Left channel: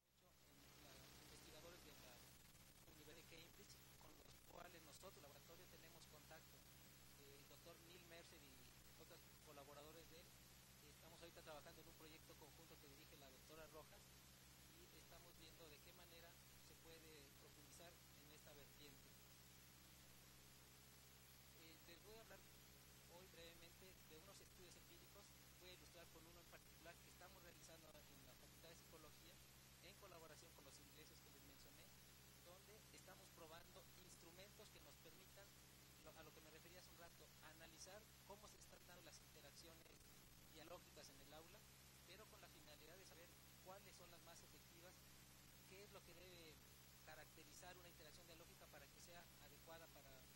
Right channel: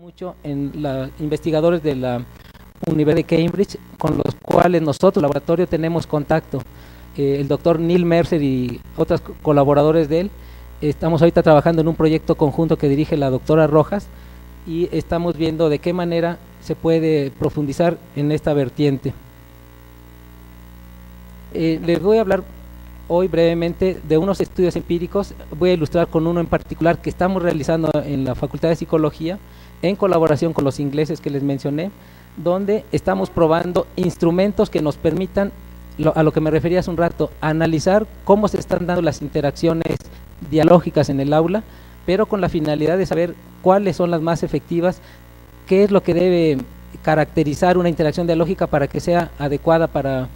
Mucho en los investigadores de la Universidad de Cambridge, con los cuales nosotros, laboratorio, tenemos contacto. El doctor Neil Mercer y otros colaboradores de él, estamos ahorita trabajando en un proyecto conjunto que dirige la doctora Rojas y estamos viendo de qué manera se puede profundizar en esta vertiente. Les voy a hablar hoy brevemente de unos estudios empíricos. Voy a ilustrar con uno en particular que estamos realizando en la Facultad de Psicología en colaboración con los ingleses que les mencioné, donde estamos probando instrumentos que nos permitan, a lo que me refería hace un rato, analizar cómo se están dando las interacciones dialógicas en el aula, pero con la finalidad de saber cuáles son las más efectivas, qué es lo que debe caracterizar una interacción dialógica para que sea adecuada para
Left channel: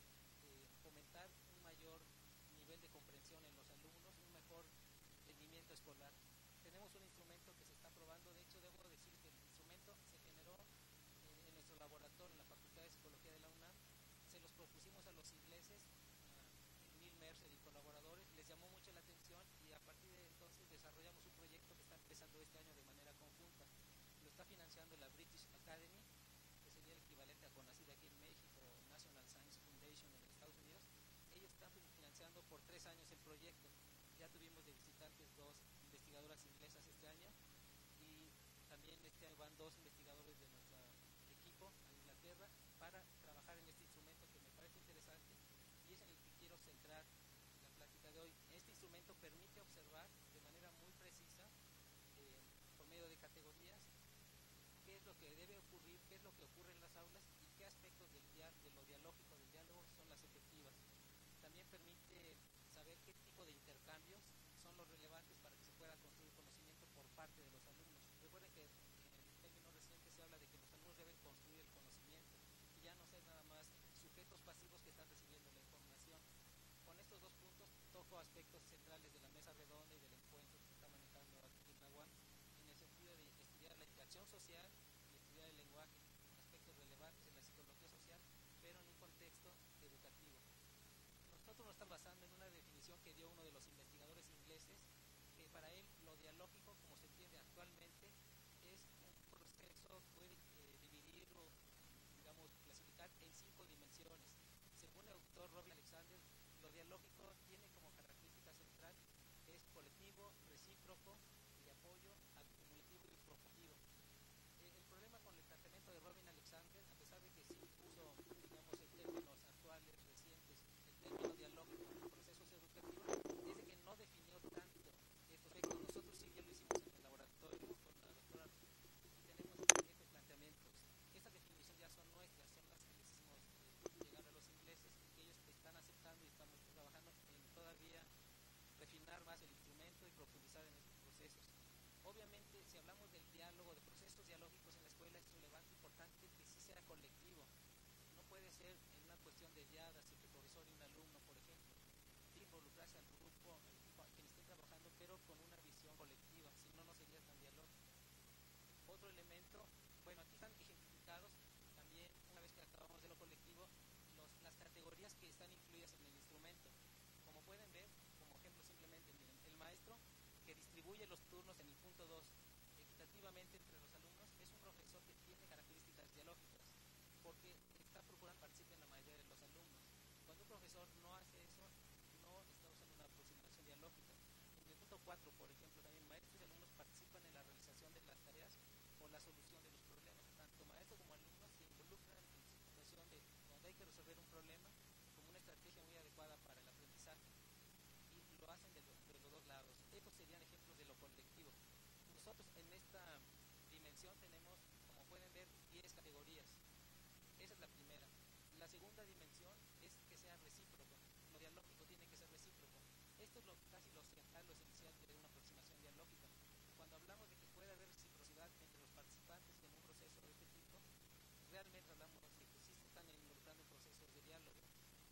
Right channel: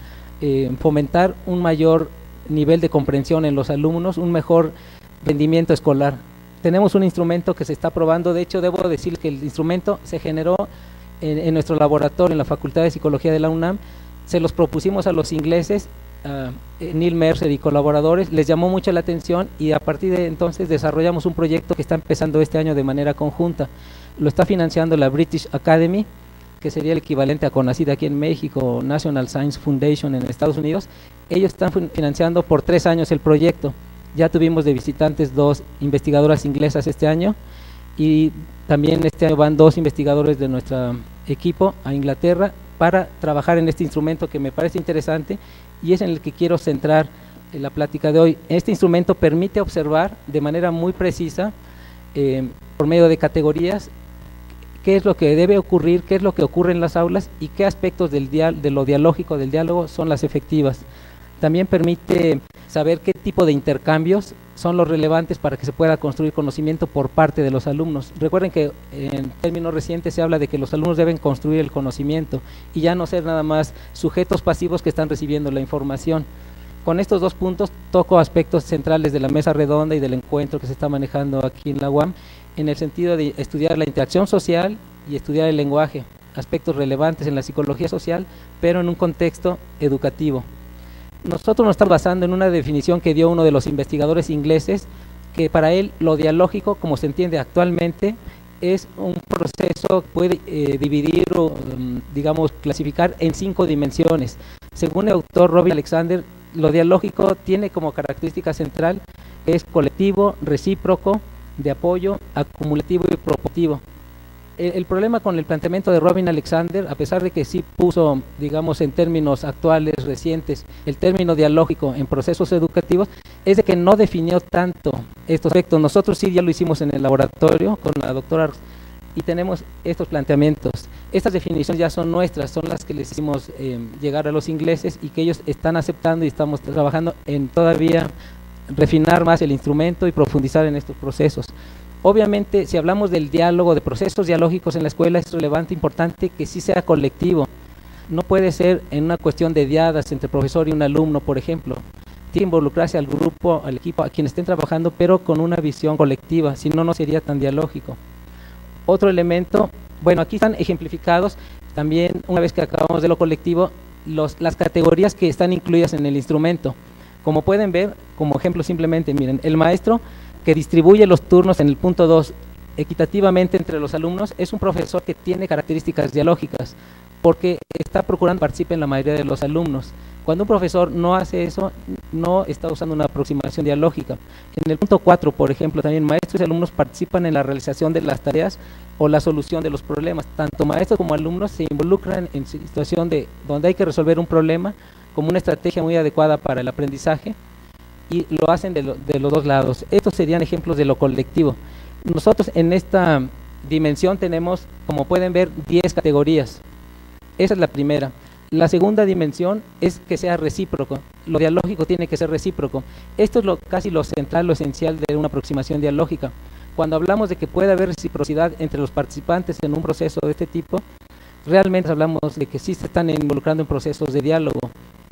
fomentar un mayor nivel de comprensión en los alumnos, un mejor rendimiento escolar. Tenemos un instrumento que se está probando. De hecho, debo decir que el instrumento se generó en nuestro laboratorio en la Facultad de Psicología de la UNAM. Se los propusimos a los ingleses, Neil Mercer y colaboradores, les llamó mucho la atención y a partir de entonces desarrollamos un proyecto que está empezando este año de manera conjunta. Lo está financiando la British Academy, que sería el equivalente a CONACYT aquí en México, National Science Foundation en Estados Unidos. Ellos están financiando por 3 años el proyecto. Ya tuvimos de visitantes 2 investigadoras inglesas este año y también este año van 2 investigadores de nuestro equipo a Inglaterra para trabajar en este instrumento que me parece interesante y es en el que quiero centrar la plática de hoy. Este instrumento permite observar de manera muy precisa, por medio de categorías, qué es lo que debe ocurrir, qué es lo que ocurre en las aulas y qué aspectos de lo dialógico, del diálogo, son las efectivas. También permite saber qué tipo de intercambios son los relevantes para que se pueda construir conocimiento por parte de los alumnos. Recuerden que en términos recientes se habla de que los alumnos deben construir el conocimiento y ya no ser nada más sujetos pasivos que están recibiendo la información. Con estos 2 puntos toco aspectos centrales de la mesa redonda y del encuentro que se está manejando aquí en la UAM, en el sentido de estudiar la interacción social y estudiar el lenguaje, aspectos relevantes en la psicología social, pero en un contexto educativo. Nosotros nos estamos basando en una definición que dio uno de los investigadores ingleses, que para él lo dialógico, como se entiende actualmente, es un proceso que puede dividir o, digamos, clasificar en 5 dimensiones. Según el autor Robin Alexander, lo dialógico tiene como característica central que es colectivo, recíproco, de apoyo, acumulativo y propositivo. El problema con el planteamiento de Robin Alexander, a pesar de que sí puso, digamos, en términos actuales, recientes, el término dialógico en procesos educativos, es de que no definió tanto estos aspectos. Nosotros sí ya lo hicimos en el laboratorio con la doctora y tenemos estos planteamientos. Estas definiciones ya son nuestras, son las que les hicimos llegar a los ingleses y que ellos están aceptando y estamos trabajando en todavía refinar más el instrumento y profundizar en estos procesos. Obviamente, si hablamos del diálogo, de procesos dialógicos en la escuela, es relevante, importante que sí sea colectivo. No puede ser en una cuestión de diadas entre profesor y un alumno, por ejemplo. Tiene que involucrarse al grupo, al equipo, a quienes estén trabajando, pero con una visión colectiva, si no, no sería tan dialógico. Otro elemento, bueno, aquí están ejemplificados también, una vez que acabamos de lo colectivo, las categorías que están incluidas en el instrumento. Como pueden ver, como ejemplo simplemente, miren, el maestro que distribuye los turnos en el punto 2 equitativamente entre los alumnos es un profesor que tiene características dialógicas porque está procurando que participen la mayoría de los alumnos. Cuando un profesor no hace eso, no está usando una aproximación dialógica. En el punto 4, por ejemplo, también maestros y alumnos participan en la realización de las tareas o la solución de los problemas. Tanto maestros como alumnos se involucran en situación donde hay que resolver un problema como una estrategia muy adecuada para el aprendizaje y lo hacen de los 2 lados. Estos serían ejemplos de lo colectivo. Nosotros en esta dimensión tenemos, como pueden ver, 10 categorías. Esa es la primera. La segunda dimensión es que sea recíproco. Lo dialógico tiene que ser recíproco. Esto es casi lo central, lo esencial de una aproximación dialógica. Cuando hablamos de que puede haber reciprocidad entre los participantes en un proceso de este tipo, realmente hablamos de que sí se están involucrando en procesos de diálogo.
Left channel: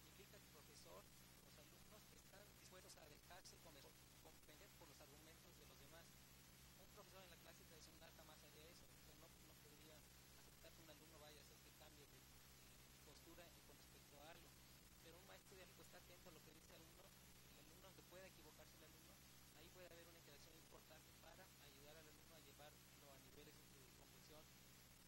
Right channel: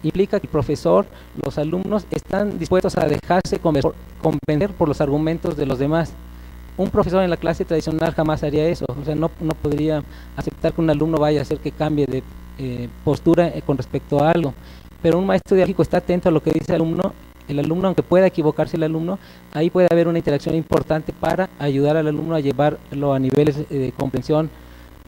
Implica que el profesor, los alumnos están dispuestos a dejarse convencer por los argumentos de los demás. Un profesor en la clase tradicional jamás haría eso, o sea, no podría aceptar que un alumno vaya a hacer que cambie de postura con respecto a algo. Pero un maestro dialógico está atento a lo que dice el alumno El alumno, aunque pueda equivocarse el alumno, ahí puede haber una interacción importante para ayudar al alumno a llevarlo a niveles de comprensión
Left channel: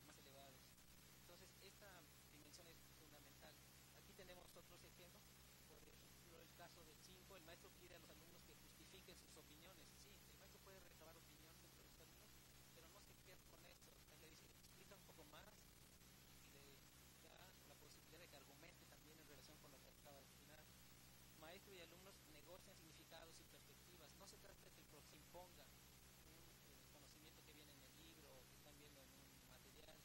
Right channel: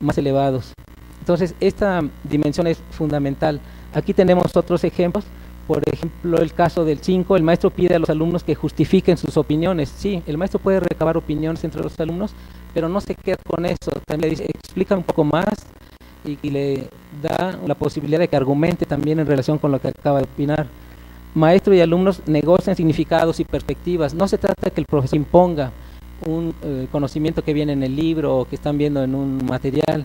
más elevados. Entonces, esta dimensión es fundamental. Aquí tenemos otros ejemplos. Por ejemplo, el caso del 5, el maestro pide a los alumnos que justifiquen sus opiniones. Sí, el maestro puede recabar opiniones entre los alumnos, pero no se queda con eso. También le dice, explica un poco más y le da la posibilidad de que argumente también en relación con lo que acaba de opinar. Maestro y alumnos negocian significados y perspectivas. No se trata de que el profesor imponga un conocimiento que viene en el libro o que están viendo en un material.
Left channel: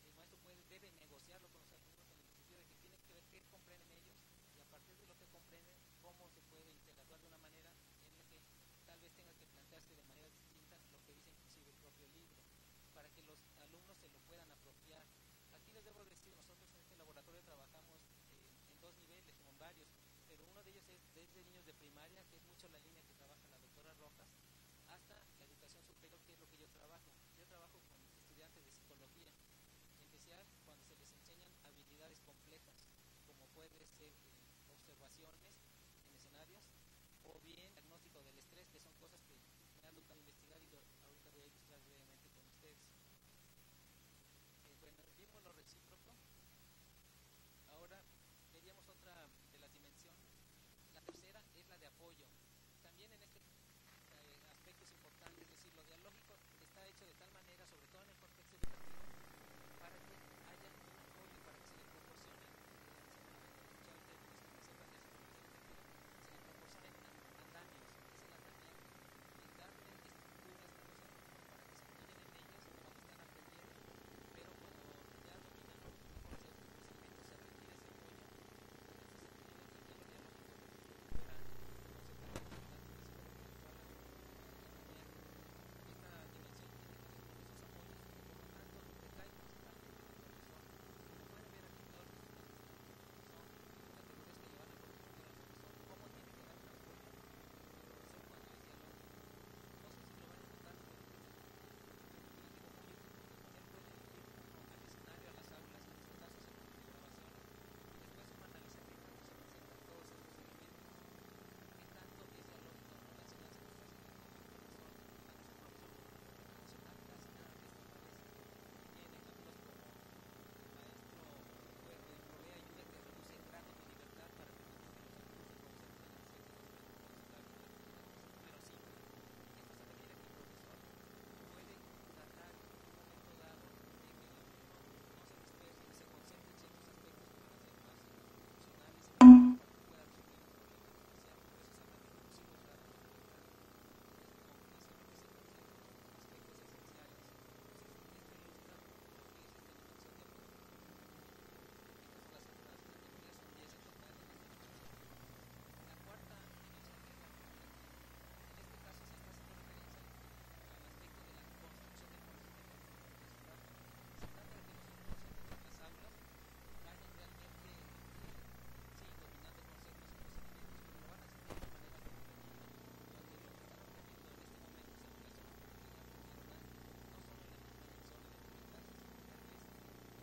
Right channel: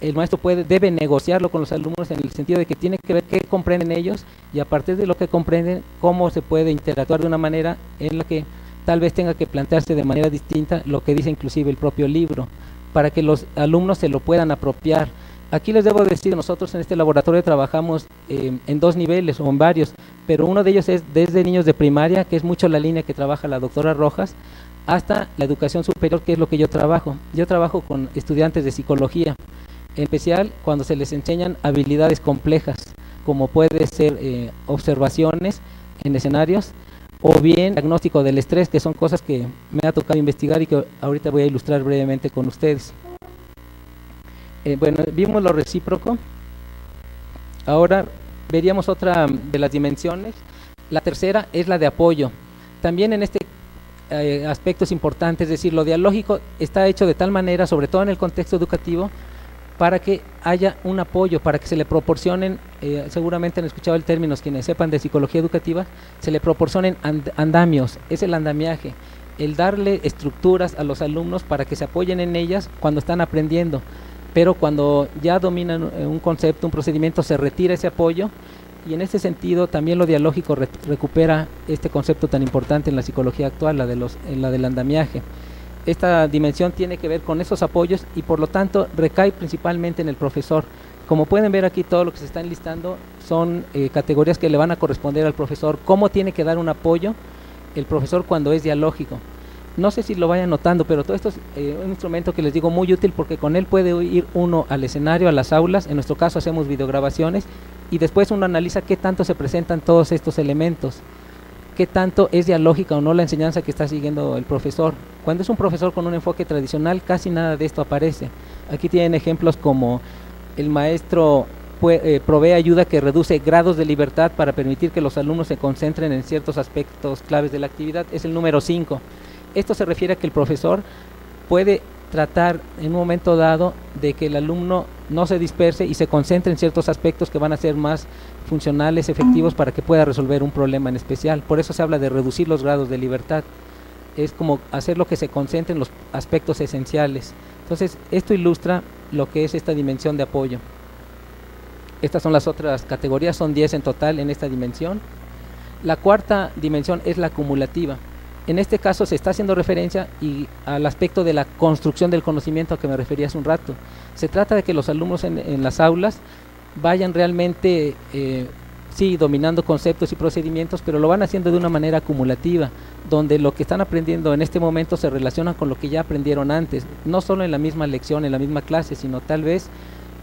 El maestro debe negociarlo con los alumnos en el sentido de que tiene que ver qué comprenden ellos y a partir de lo que comprenden, cómo se puede interactuar de una manera en la que tal vez tenga que plantearse de manera distinta lo que dice inclusive el propio libro, para que los alumnos se lo puedan apropiar. Aquí les debo decir, nosotros en este laboratorio trabajamos en 2 niveles o en varios, pero uno de ellos es desde niños de primaria, que es mucho la línea que trabaja la doctora Rojas, hasta la educación superior, que es lo que yo trabajo. Yo trabajo con estudiantes de psicología, en especial cuando se les enseñan habilidades complejas, como puede ser observaciones en escenarios, o bien diagnóstico del estrés, que son cosas que me ha tocado investigar y que ahorita voy a ilustrar brevemente con ustedes. Bueno, vimos lo recíproco. Ahora veríamos otra de las dimensiones. La tercera es la de apoyo. También en este aspecto es importante, es decir, lo dialógico está hecho de tal manera, sobre todo en el contexto educativo, para que haya un apoyo, para que se le proporcionen, seguramente han escuchado el término quienes sepan de psicología educativa, se le proporcionen andamios, es el andamiaje, el darle estructuras a los alumnos para que se apoyen en ellas cuando están aprendiendo, pero cuando ya dominan un concepto, un procedimiento, se retira ese apoyo y en ese sentido también lo dialógico recupera este concepto tan importante en la psicología actual, la del andamiaje. Esta dimensión tiene que ver con esos apoyos y por lo tanto recae principalmente en el profesor. Como pueden ver aquí, todo lo que se está enlistando son categorías que le van a corresponder al profesor. ¿Cómo tiene que dar un apoyo el profesor cuando es dialógico? No sé si lo vayan notando, pero todo esto es un instrumento que les digo muy útil porque con él puede ir uno al escenario, a las aulas. En nuestro caso hacemos videograbaciones y después uno analiza qué tanto se presentan todos estos elementos, qué tanto es dialógica o no la enseñanza que está siguiendo el profesor. Cuando es un profesor con un enfoque tradicional, casi nada de esto aparece. Aquí tienen ejemplos como el maestro provee ayuda que reduce grados de libertad para permitir que los alumnos se concentren en ciertos aspectos claves de la actividad, es el número 5. Esto se refiere a que el profesor puede tratar en un momento dado de que el alumno no se disperse y se concentre en ciertos aspectos que van a ser más funcionales, efectivos para que pueda resolver un problema en especial. Por eso se habla de reducir los grados de libertad. Es como hacer lo que se concentre en los aspectos esenciales. Entonces, esto ilustra lo que es esta dimensión de apoyo. Estas son las otras categorías, son 10 en total en esta dimensión. La cuarta dimensión es la acumulativa. En este caso se está haciendo referencia al aspecto de la construcción del conocimiento a que me refería hace un rato. Se trata de que los alumnos en las aulas vayan realmente, sí, dominando conceptos y procedimientos, pero lo van haciendo de una manera acumulativa, donde lo que están aprendiendo en este momento se relaciona con lo que ya aprendieron antes, no solo en la misma lección, en la misma clase, sino tal vez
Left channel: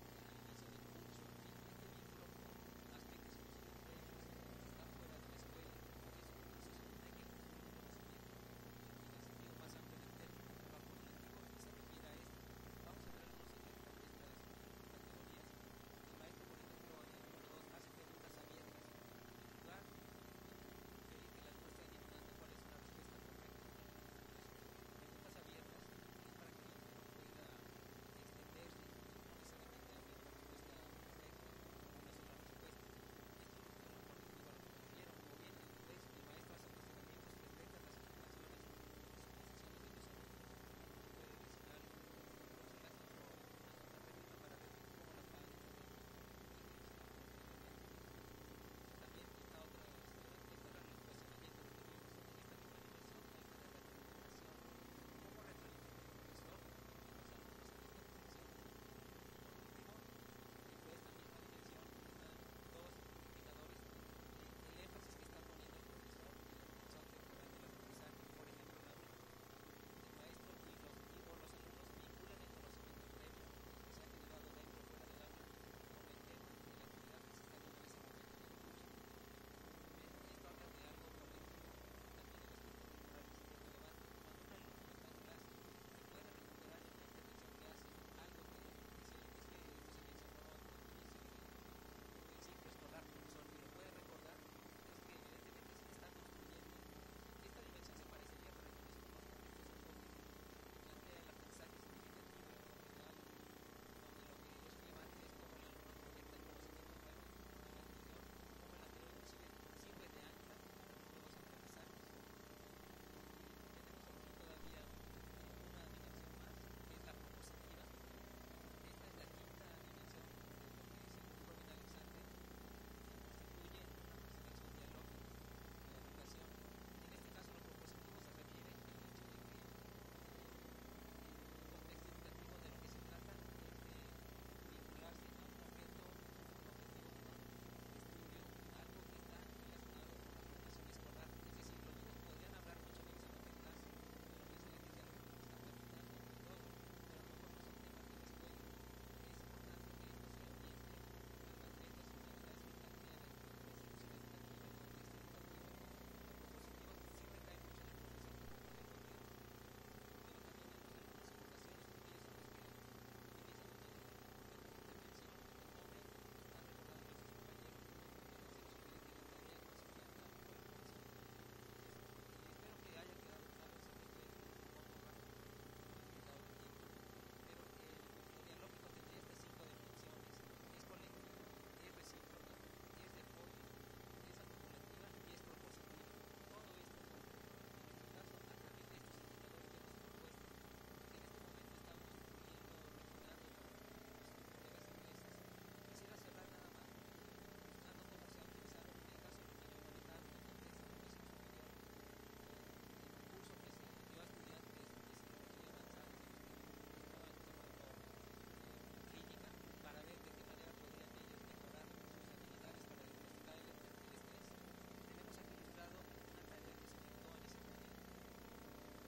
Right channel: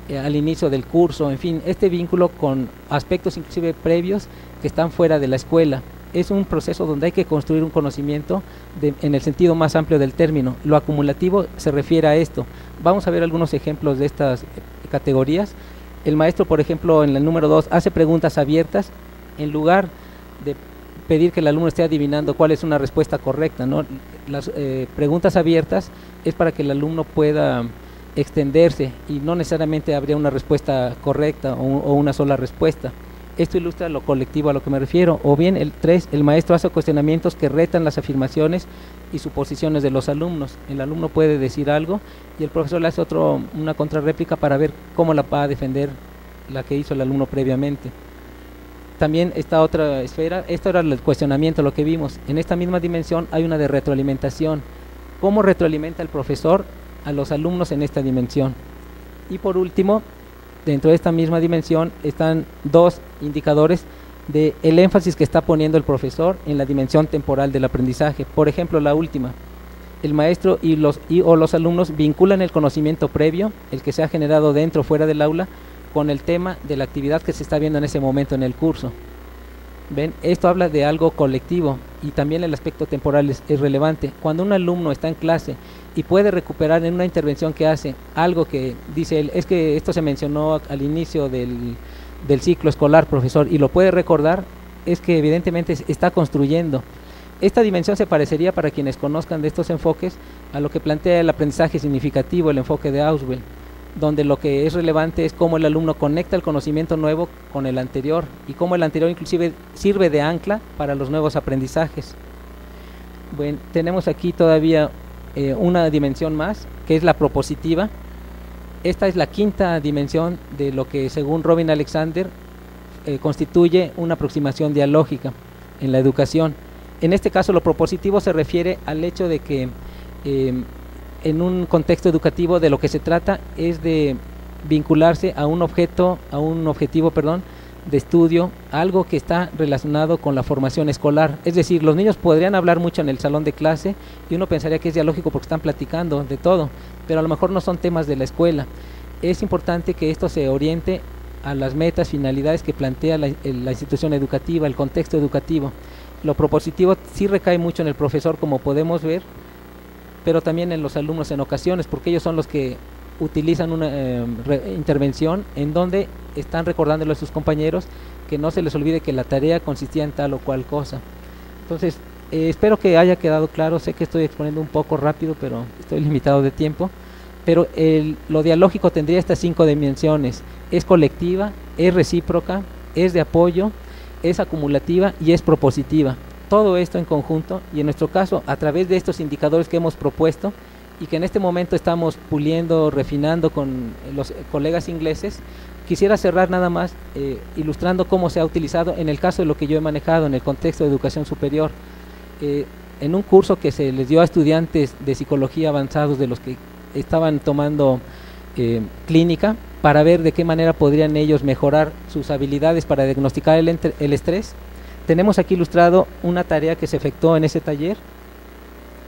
al inicio del curso, en fin, este vínculo con aspectos inclusive previos que están fuera de la escuela. Es un proceso donde hay que construir un conocimiento en el sentido más amplio del término. Lo acumulativo se refiere a esto. Vamos a ver algunos ejemplos de estas categorías. El maestro, por ejemplo, en el número 2, hace preguntas abiertas en lugar de pedir que el alumno esté adivinando cuál es una respuesta correcta, ¿no? Las preguntas abiertas es para que el alumno pueda extenderse y no necesariamente habría una respuesta correcta o una sola respuesta. Esto ilustra lo colectivo a lo que me refiero. O bien el 3, el maestro hace cuestionamientos que retan las afirmaciones y suposiciones de los alumnos. El alumno puede decir algo y el profesor le hace una contrarréplica para ver cómo la va a defender la que hizo el alumno previamente. También esta otra esfera, esto era el cuestionamiento, lo que vimos. En esta misma dimensión hay una de retroalimentación. ¿Cómo retroalimenta el profesor a los alumnos en esta dimensión? Y por último, dentro de esta misma dimensión están 2 indicadores del énfasis que está poniendo el profesor en la dimensión temporal del aprendizaje. Por ejemplo, la última, el maestro o los alumnos vinculan el conocimiento previo, el que se ha generado dentro o fuera del aula, con el tema de la actividad que se está viendo en ese momento en el curso. ¿Ven? Esto habla de algo colectivo y también el aspecto temporal es relevante. Cuando un alumno está en clase y puede recuperar en una intervención que hace algo que dice él, es que esto se mencionó al inicio del ciclo escolar, profesor, y lo puede recordar, es que evidentemente está construyendo. Esta dimensión se parecería, para quienes conozcan de estos enfoques, a lo que plantea el aprendizaje significativo, el enfoque de Auswell, donde lo que es relevante es cómo el alumno conecta el conocimiento nuevo con el anterior y cómo el anterior inclusive sirve de ancla para los nuevos aprendizajes. Bueno, tenemos aquí todavía una dimensión más, que es la propositiva. Esta es la quinta dimensión de lo que, según Robin Alexander, constituye una aproximación dialógica en la educación. En este caso, lo propositivo se refiere al hecho de que en un contexto educativo de lo que se trata es de vincularse a un objetivo de estudio, algo que está relacionado con la formación escolar. Es decir, los niños podrían hablar mucho en el salón de clase y uno pensaría que es dialógico porque están platicando de todo, pero a lo mejor no son temas de la escuela. Es importante que esto se oriente a las metas, finalidades que plantea la institución educativa, el contexto educativo. Lo propositivo sí recae mucho en el profesor, como podemos ver, pero también en los alumnos en ocasiones, porque ellos son los que utilizan una intervención en donde están recordándole a sus compañeros que no se les olvide que la tarea consistía en tal o cual cosa. Entonces, espero que haya quedado claro. Sé que estoy exponiendo un poco rápido, pero estoy limitado de tiempo. Pero lo dialógico tendría estas 5 dimensiones: es colectiva, es recíproca, es de apoyo, es acumulativa y es propositiva. Todo esto en conjunto, y en nuestro caso a través de estos indicadores que hemos propuesto y que en este momento estamos puliendo, refinando con los colegas ingleses. Quisiera cerrar nada más ilustrando cómo se ha utilizado en el caso de lo que yo he manejado en el contexto de educación superior, en un curso que se les dio a estudiantes de psicología avanzados, de los que estaban tomando clínica, para ver de qué manera podrían ellos mejorar sus habilidades para diagnosticar el estrés. Tenemos aquí ilustrado una tarea que se efectuó en ese taller.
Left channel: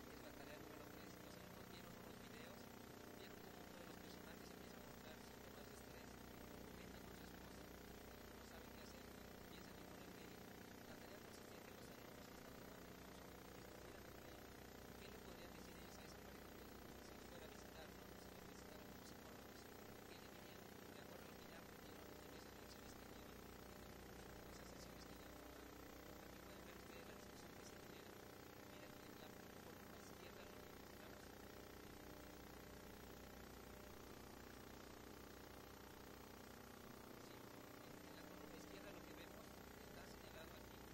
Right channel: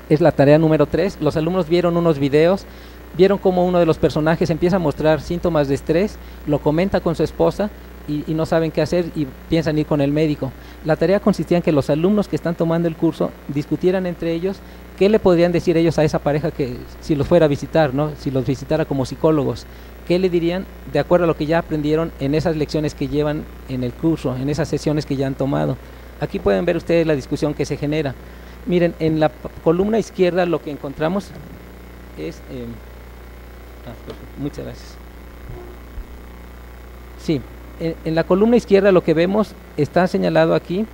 Es la tarea número 3. Los alumnos vieron unos videos, vieron cómo uno de los personajes empieza a mostrar síntomas de estrés, lo comenta con su esposa y no saben qué hacer y piensan ir con el médico. La tarea consistía en que los alumnos que están tomando el curso discutieran entre ellos qué le podrían decir ellos a esa pareja que si los fuera a visitar, ¿no? Si los visitara como psicólogos. ¿Qué le dirían de acuerdo a lo que ya aprendieron en esas lecciones que llevan en el curso, en esas sesiones que ya han tomado? Aquí pueden ver ustedes la discusión que se genera. Miren, en la columna izquierda lo que encontramos es... muchas gracias. Sí, en la columna izquierda lo que vemos está señalado aquí.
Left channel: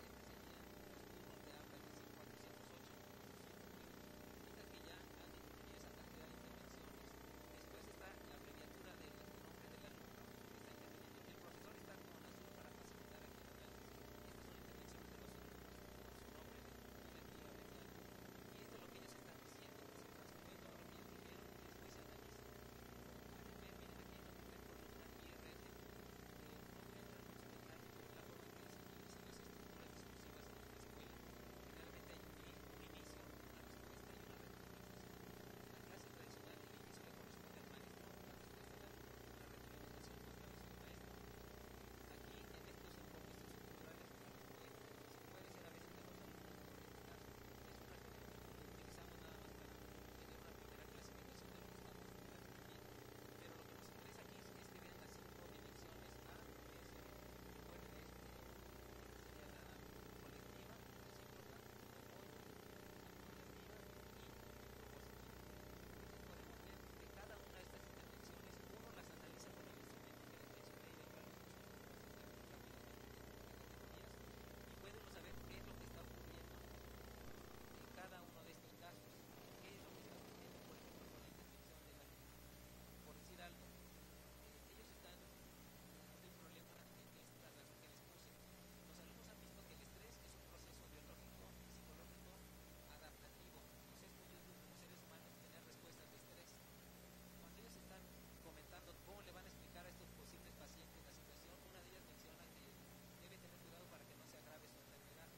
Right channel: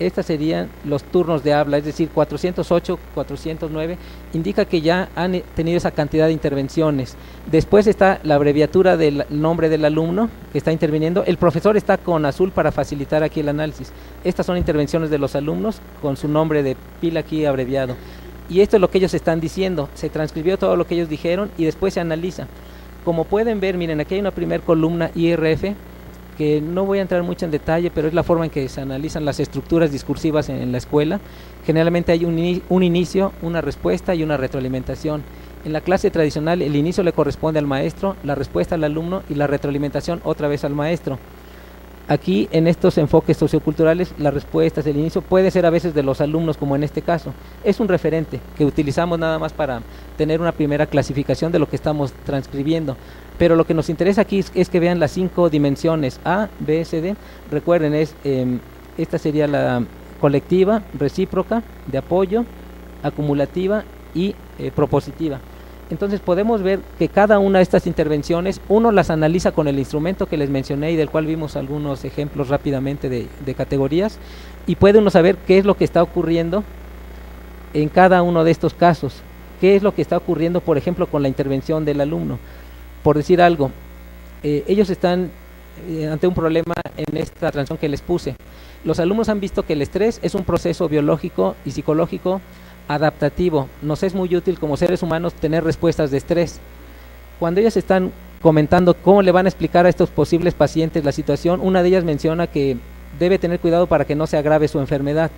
Estos serían los turnos de habla, es decir, 408, 409, indica que ya han tenido esa cantidad de intervenciones. Después está la abreviatura del nombre del alumno que está interviniendo. El profesor está con azul para facilitar aquí el análisis. Estas son intervenciones de los alumnos con su nombre de pila aquí abreviado. Y esto es lo que ellos están diciendo. Se transcribió todo lo que ellos dijeron y después se analiza. Como pueden ver, miren, aquí hay una primer columna IRF, que no voy a entrar mucho en detalle, pero es la forma en que se analizan las estructuras discursivas en la escuela. Generalmente hay un inicio, una respuesta y una retroalimentación. En la clase tradicional el inicio le corresponde al maestro, la respuesta al alumno y la retroalimentación otra vez al maestro. Aquí en estos enfoques socioculturales las respuestas, el inicio puede ser a veces de los alumnos, como en este caso. Es un referente que utilizamos nada más para tener una primera clasificación de lo que estamos transcribiendo. Pero lo que nos interesa aquí es que vean las 5 dimensiones A, B, C, D. Recuerden, esta sería la colectiva, recíproca, de apoyo, acumulativa y propositiva. Entonces podemos ver que cada una de estas intervenciones uno las analiza con el instrumento que les mencioné y del cual vimos algunos ejemplos rápidamente de categorías, y puede uno saber qué es lo que está ocurriendo en cada uno de estos casos. Qué es lo que está ocurriendo, por ejemplo, con la intervención del alumno. Por decir algo, ellos están ante un problema en esta transición que les puse. Los alumnos han visto que el estrés es un proceso biológico y psicológico adaptativo. Nos es muy útil como seres humanos tener respuestas de estrés. Cuando ellas están comentando cómo le van a explicar a estos posibles pacientes la situación, una de ellas menciona que debe tener cuidado para que no se agrave su enfermedad,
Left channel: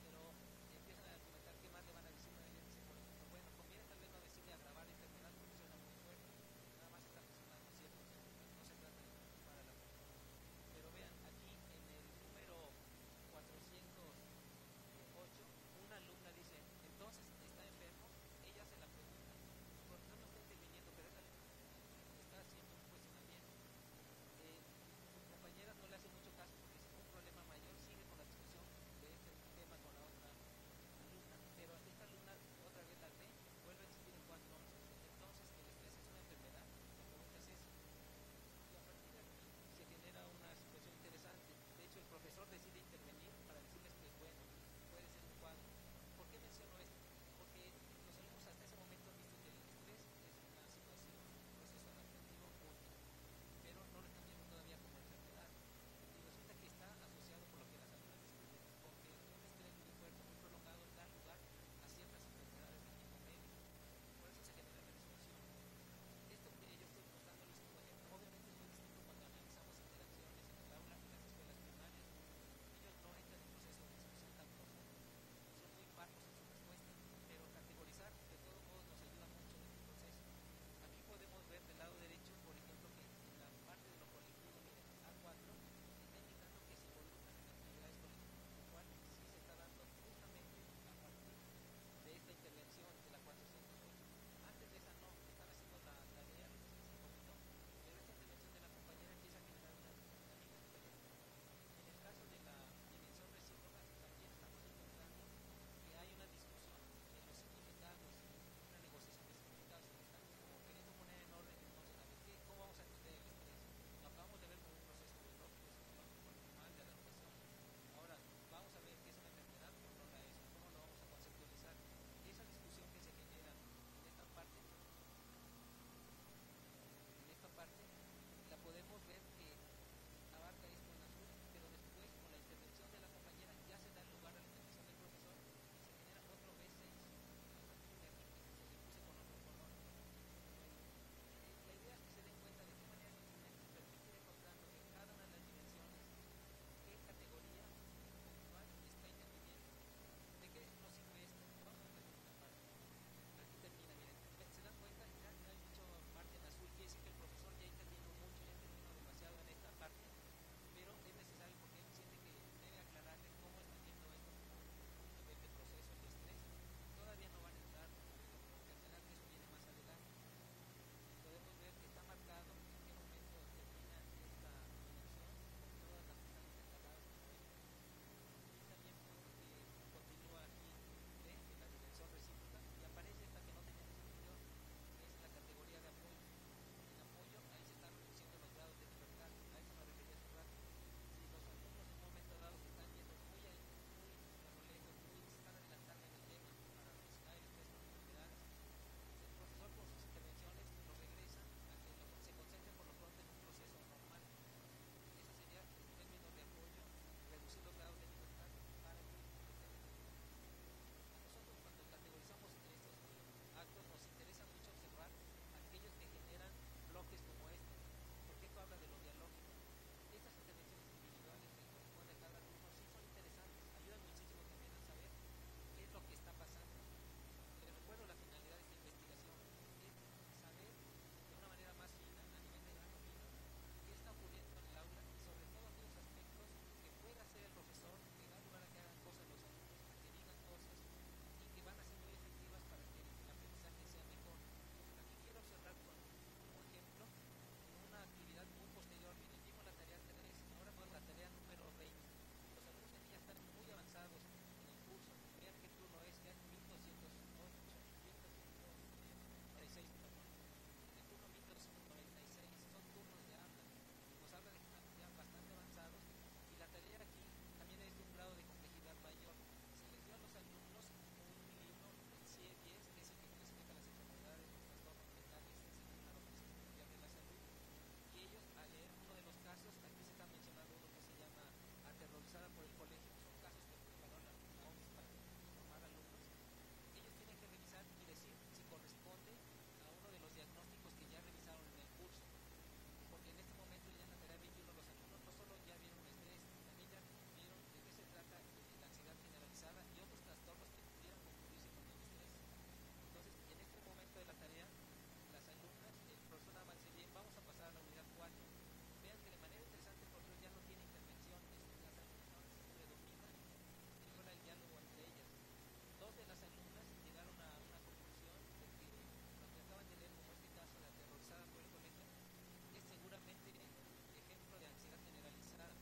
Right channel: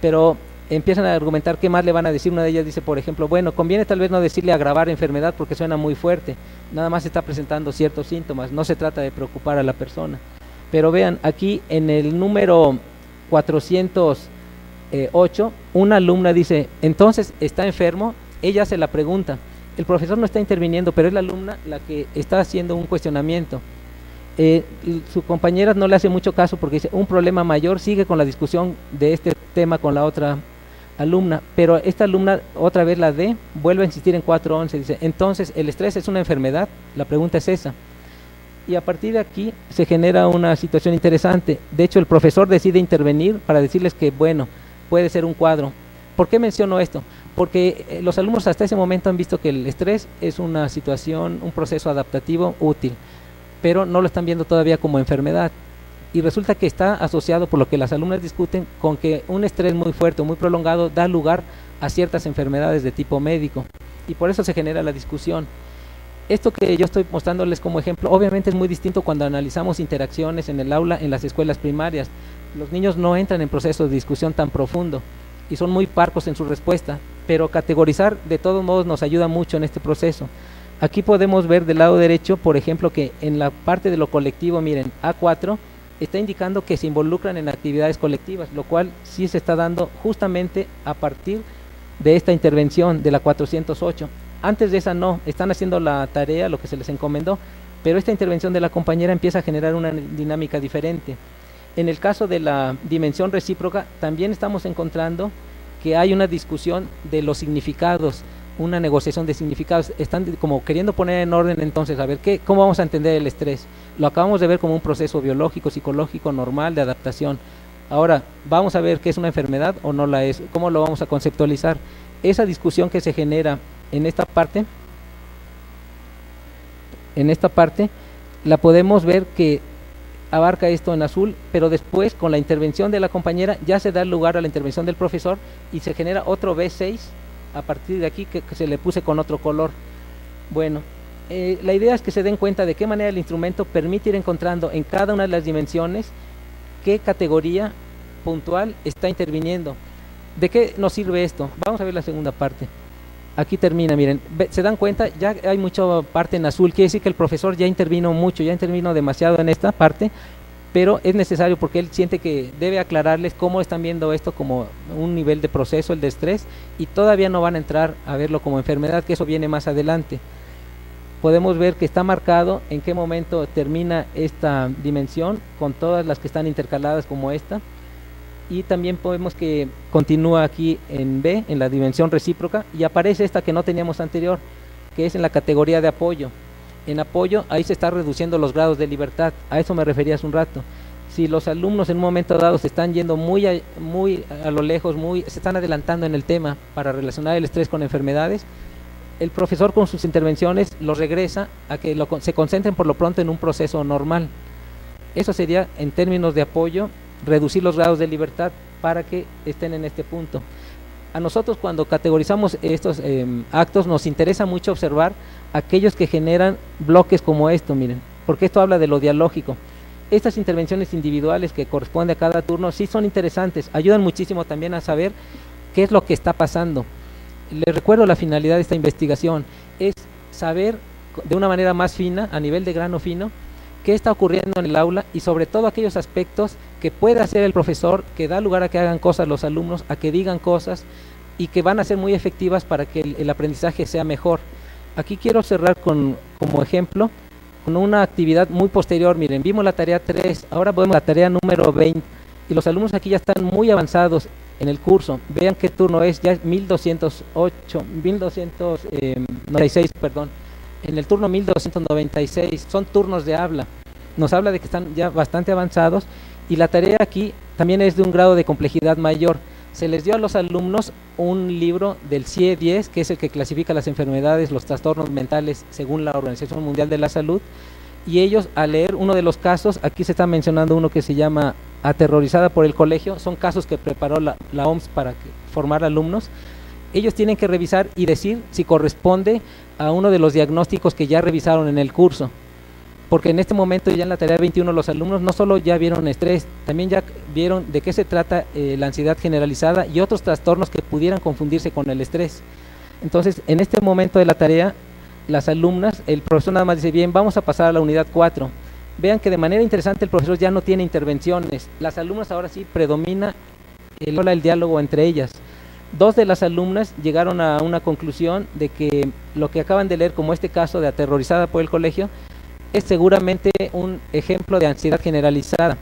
pero empiezan a argumentar qué más le van a decir. Una de ellas dice, por ejemplo, bueno, conviene tal vez no decirle agravar enfermedad porque suena muy fuerte, nada más está presentando ciertos síntomas, no se trata de preocupar a la persona. Pero vean, aquí en el número 408, una alumna dice, entonces, ¿está enfermo? Ella hace la pregunta. El profesor no está interviniendo, pero es la alumna la que está haciendo un cuestionamiento. Su compañera no le hace mucho caso porque dice, un problema mayor, sigue con la discusión de este tema con la otra alumna, pero esta alumna, otra vez la D, vuelve a insistir en 411, dice, entonces, ¿el estrés es una enfermedad? La pregunta es esa. Y a partir de aquí se genera una situación interesante. De hecho, el profesor decide intervenir para decirles que, bueno, puede ser un cuadro. ¿Por qué menciono esto? Porque los alumnos hasta ese momento han visto que el estrés es una situación, un proceso adaptativo útil, pero no lo están viendo todavía como enfermedad. Y resulta que está asociado, por lo que las alumnas discuten, con que un estrés muy fuerte, muy prolongado, da lugar a ciertas enfermedades de tipo médico. Y por eso se genera la discusión. Esto que yo estoy mostrándoles como ejemplo, obviamente es muy distinto cuando analizamos interacciones en el aula en las escuelas primarias. Los niños no entran en procesos de discusión tan profundo y son muy parcos en su respuesta, pero categorizar de todos modos nos ayuda mucho en este proceso. Aquí podemos ver del lado derecho, por ejemplo, que en la parte de lo colectivo, miren, A4 está indicando que se involucran en actividades colectivas, lo cual sí se está dando justamente a partir de esta intervención de la 408. Antes de esa no, están haciendo la tarea, lo que se les encomendó, pero esta intervención de la compañera empieza a generar una dinámica diferente. En el caso de la dimensión recíproca, también estamos encontrando que hay una discusión de los significados, una negociación de significados. Están como queriendo poner en orden entonces, a ver, ¿cómo vamos a entender el estrés? Lo acabamos de ver como un proceso biológico, psicológico, normal, de adaptación. Ahora, vamos a ver qué es una enfermedad o no la es, cómo lo vamos a conceptualizar. Esa discusión que se genera en esta parte, la podemos ver que abarca esto en azul, pero después con la intervención de la compañera ya se da lugar a la intervención del profesor y se genera otro B6 a partir de aquí que se le puse con otro color. Bueno, la idea es que se den cuenta de qué manera el instrumento permite ir encontrando en cada una de las dimensiones qué categoría puntual está interviniendo. ¿De qué nos sirve esto? Vamos a ver la segunda parte. Aquí termina, miren, se dan cuenta, ya hay mucha parte en azul, quiere decir que el profesor ya intervino mucho, ya intervino demasiado en esta parte, pero es necesario porque él siente que debe aclararles cómo están viendo esto como un nivel de proceso, el de estrés, y todavía no van a entrar a verlo como enfermedad, que eso viene más adelante. Podemos ver que está marcado en qué momento termina esta dimensión, con todas las que están intercaladas como esta, y también podemos que continúa aquí en B, en la dimensión recíproca, y aparece esta que no teníamos anterior, que es en la categoría de apoyo. En apoyo, ahí se está reduciendo los grados de libertad, a eso me refería hace un rato. Si los alumnos en un momento dado se están yendo muy a lo lejos, se están adelantando en el tema para relacionar el estrés con enfermedades, el profesor con sus intervenciones los regresa a que se concentren por lo pronto en un proceso normal. Eso sería, en términos de apoyo, reducir los grados de libertad para que estén en este punto. A nosotros cuando categorizamos estos actos nos interesa mucho observar aquellos que generan bloques como esto, miren, porque esto habla de lo dialógico. Estas intervenciones individuales que corresponden a cada turno sí son interesantes, ayudan muchísimo también a saber qué es lo que está pasando. Les recuerdo la finalidad de esta investigación, es saber de una manera más fina, a nivel de grano fino, qué está ocurriendo en el aula y sobre todo aquellos aspectos que puede hacer el profesor, que da lugar a que hagan cosas los alumnos, a que digan cosas y que van a ser muy efectivas para que el aprendizaje sea mejor. Aquí quiero cerrar como ejemplo con una actividad muy posterior. Miren, vimos la tarea 3, ahora vemos la tarea número 20 y los alumnos aquí ya están muy avanzados en el curso. Vean qué turno es, ya es 1296, perdón. En el turno 1296, son turnos de habla, nos habla de que están ya bastante avanzados y la tarea aquí también es de un grado de complejidad mayor. Se les dio a los alumnos un libro del CIE-10, que es el que clasifica las enfermedades, los trastornos mentales según la Organización Mundial de la Salud, y ellos al leer uno de los casos, aquí se está mencionando uno que se llama Aterrorizada por el colegio, son casos que preparó la OMS para formar alumnos. Ellos tienen que revisar y decir si corresponde a uno de los diagnósticos que ya revisaron en el curso, porque en este momento ya en la tarea 21 los alumnos no solo ya vieron estrés, también ya vieron de qué se trata la ansiedad generalizada y otros trastornos que pudieran confundirse con el estrés. Entonces, en este momento de la tarea, las alumnas, el profesor nada más dice, bien, vamos a pasar a la unidad 4. vean que de manera interesante el profesor ya no tiene intervenciones. Las alumnas ahora sí predomina el diálogo entre ellas. Dos de las alumnas llegaron a una conclusión de que lo que acaban de leer, como este caso de aterrorizada por el colegio, es seguramente un ejemplo de ansiedad generalizada.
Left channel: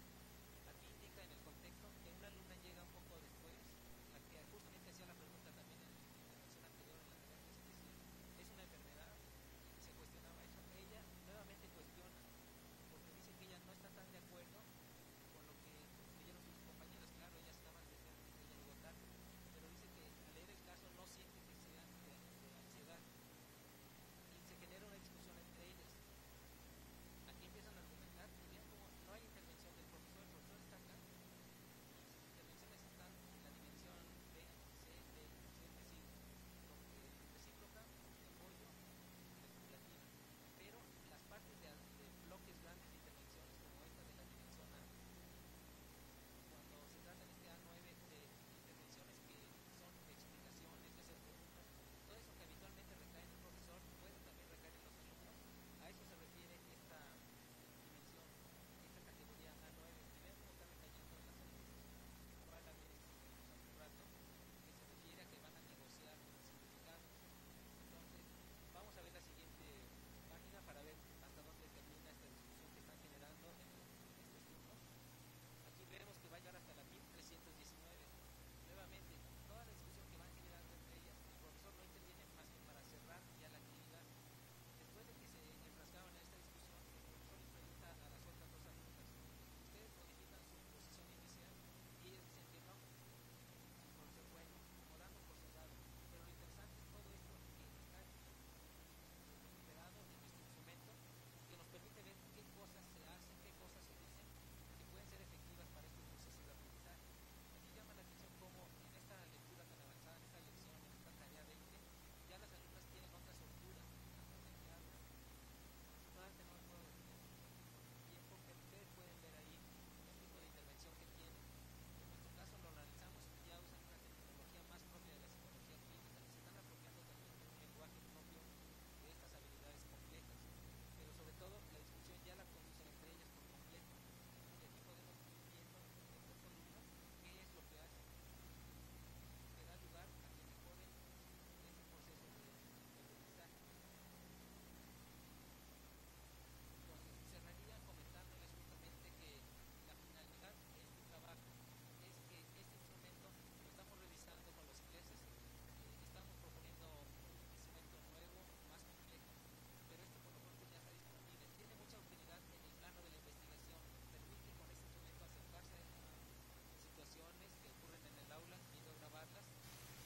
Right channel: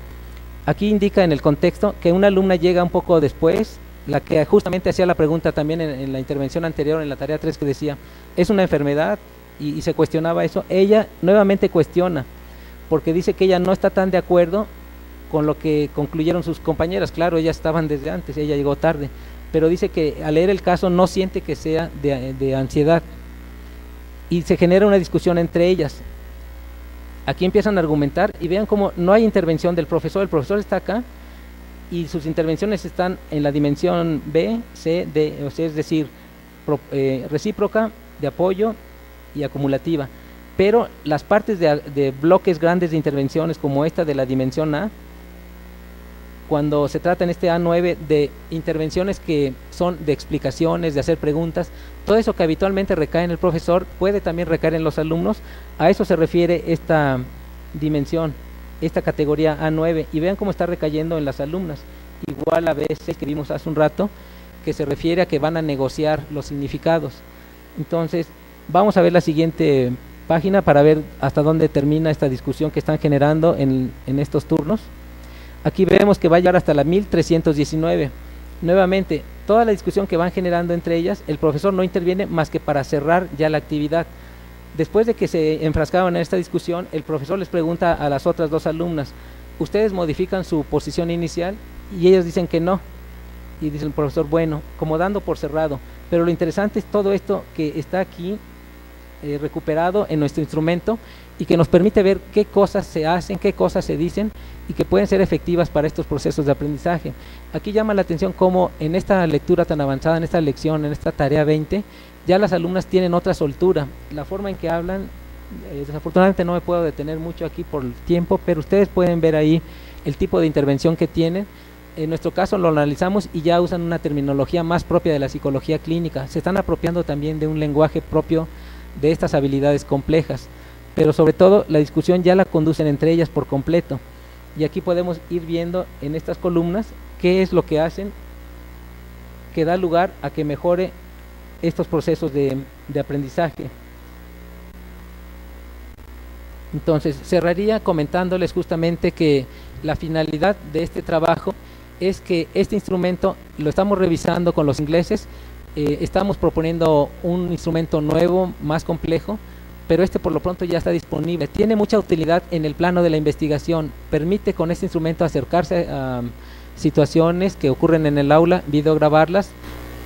Aquí indica en el contexto que una alumna llega un poco después, la que justamente hacía la pregunta también en la intervención anterior, en la tarea 3, que decía, ¿es una enfermedad? Y se cuestionaba eso. Ella nuevamente cuestiona, porque dice que ella no está tan de acuerdo con lo que concluyeron sus compañeras. Claro, ellas estaban desde antes, ella llegó tarde, pero dice que al leer el caso no siente que sea de ansiedad, y se genera una discusión entre ellas. Aquí empiezan a argumentar y vean cómo no hay intervención del profesor. El profesor está acá y sus intervenciones están en la dimensión B, C, D, o sea, es decir, recíproca, de apoyo y acumulativa. Pero las partes de bloques grandes de intervenciones como esta de la dimensión A, cuando se trata en este A9 de intervenciones que son de explicaciones, de hacer preguntas, todo eso que habitualmente recae en el profesor puede también recaer en los alumnos. A eso se refiere esta dimensión, esta categoría A9, y vean cómo está recayendo en las alumnas. Igual a veces que vimos hace un rato, que se refiere a que van a negociar los significados. Entonces, vamos a ver la siguiente página para ver hasta dónde termina esta discusión que están generando en estos turnos. Aquí vemos que va a llegar hasta la 1319. Nuevamente, toda la discusión que van generando entre ellas, el profesor no interviene más que para cerrar ya la actividad. Después de que se enfrascaban en esta discusión, el profesor les pregunta a las otras dos alumnas, ¿ustedes modifican su posición inicial? Y ellas dicen que no. Y dice el profesor, bueno, como dando por cerrado. Pero lo interesante es todo esto que está aquí recuperado en nuestro instrumento y que nos permite ver qué cosas se hacen, qué cosas se dicen y que pueden ser efectivas para estos procesos de aprendizaje. Aquí llama la atención cómo en esta lectura tan avanzada, en esta lección, en esta tarea 20, ya las alumnas tienen otra soltura. La forma en que hablan, desafortunadamente no me puedo detener mucho aquí por el tiempo, pero ustedes pueden ver ahí el tipo de intervención que tienen. En nuestro caso lo analizamos y ya usan una terminología más propia de la psicología clínica. Se están apropiando también de un lenguaje propio de estas habilidades complejas, pero sobre todo la discusión ya la conducen entre ellas por completo. Y aquí podemos ir viendo en estas columnas qué es lo que hacen que da lugar a que mejore estos procesos de aprendizaje. Entonces, cerraría comentándoles justamente que la finalidad de este trabajo es que este instrumento lo estamos revisando con los ingleses. Estamos proponiendo un instrumento nuevo, más complejo, pero este por lo pronto ya está disponible. Tiene mucha utilidad en el plano de la investigación. Permite con este instrumento acercarse a situaciones que ocurren en el aula, videograbarlas,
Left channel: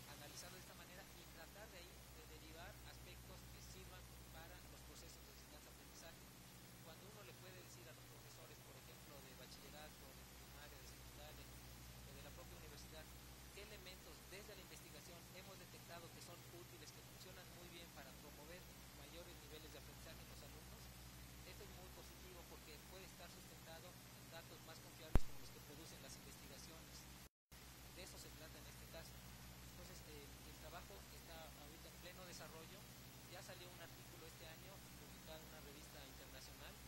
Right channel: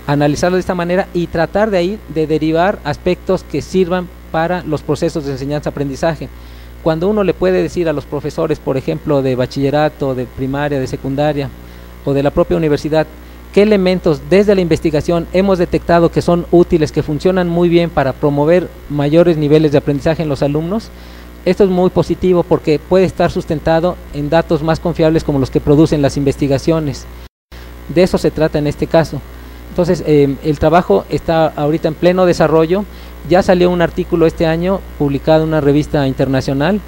analizarlas de esta manera y tratar de ahí de derivar aspectos que sirvan para los procesos de enseñanza-aprendizaje. Cuando uno le puede decir a los profesores, por ejemplo, de bachillerato, de primaria, de secundaria o de la propia universidad, qué elementos desde la investigación hemos detectado que son útiles, que funcionan muy bien para promover mayores niveles de aprendizaje en los alumnos, esto es muy positivo porque puede estar sustentado en datos más confiables como los que producen las investigaciones. De eso se trata en este caso. Entonces, el trabajo está ahorita en pleno desarrollo. Ya salió un artículo este año publicado en una revista internacional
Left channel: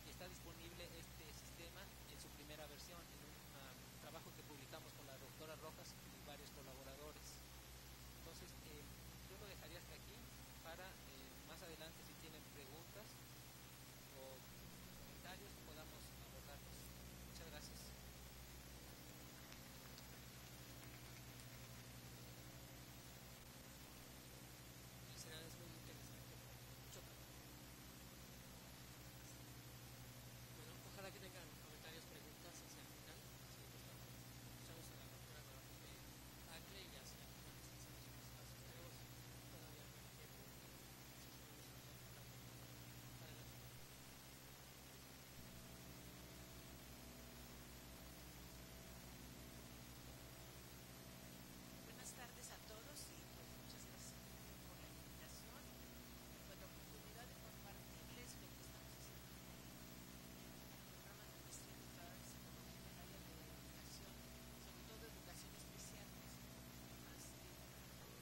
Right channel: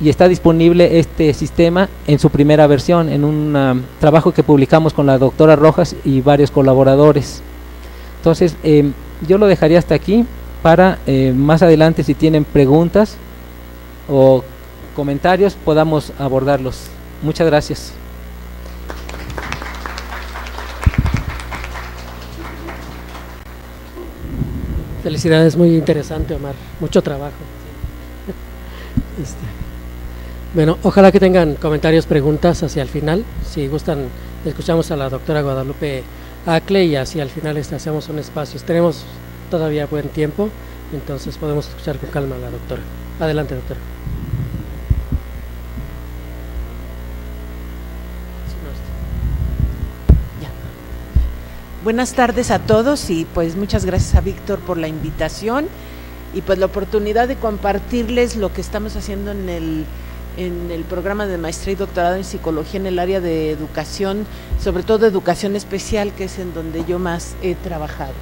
y está disponible este sistema en su primera versión, en un trabajo que publicamos con la doctora Rojas y varios colaboradores. Entonces, yo lo dejaría hasta aquí para más adelante, si tienen preguntas o comentarios, podamos abordarlos. Muchas gracias. Felicidades, muy interesante, Omar, mucho trabajo. Bueno, ojalá que tengan comentarios, preguntas hacia el final. Si gustan, escuchamos a la doctora Guadalupe Acle y hacia el final hacemos un espacio. Tenemos todavía buen tiempo, entonces podemos escuchar con calma a la doctora. Adelante, doctora. Buenas tardes a todos y pues muchas gracias a Víctor por la invitación y pues la oportunidad de compartirles lo que estamos haciendo en el programa de maestría y doctorado en psicología en el área de educación, sobre todo educación especial, que es en donde yo más he trabajado.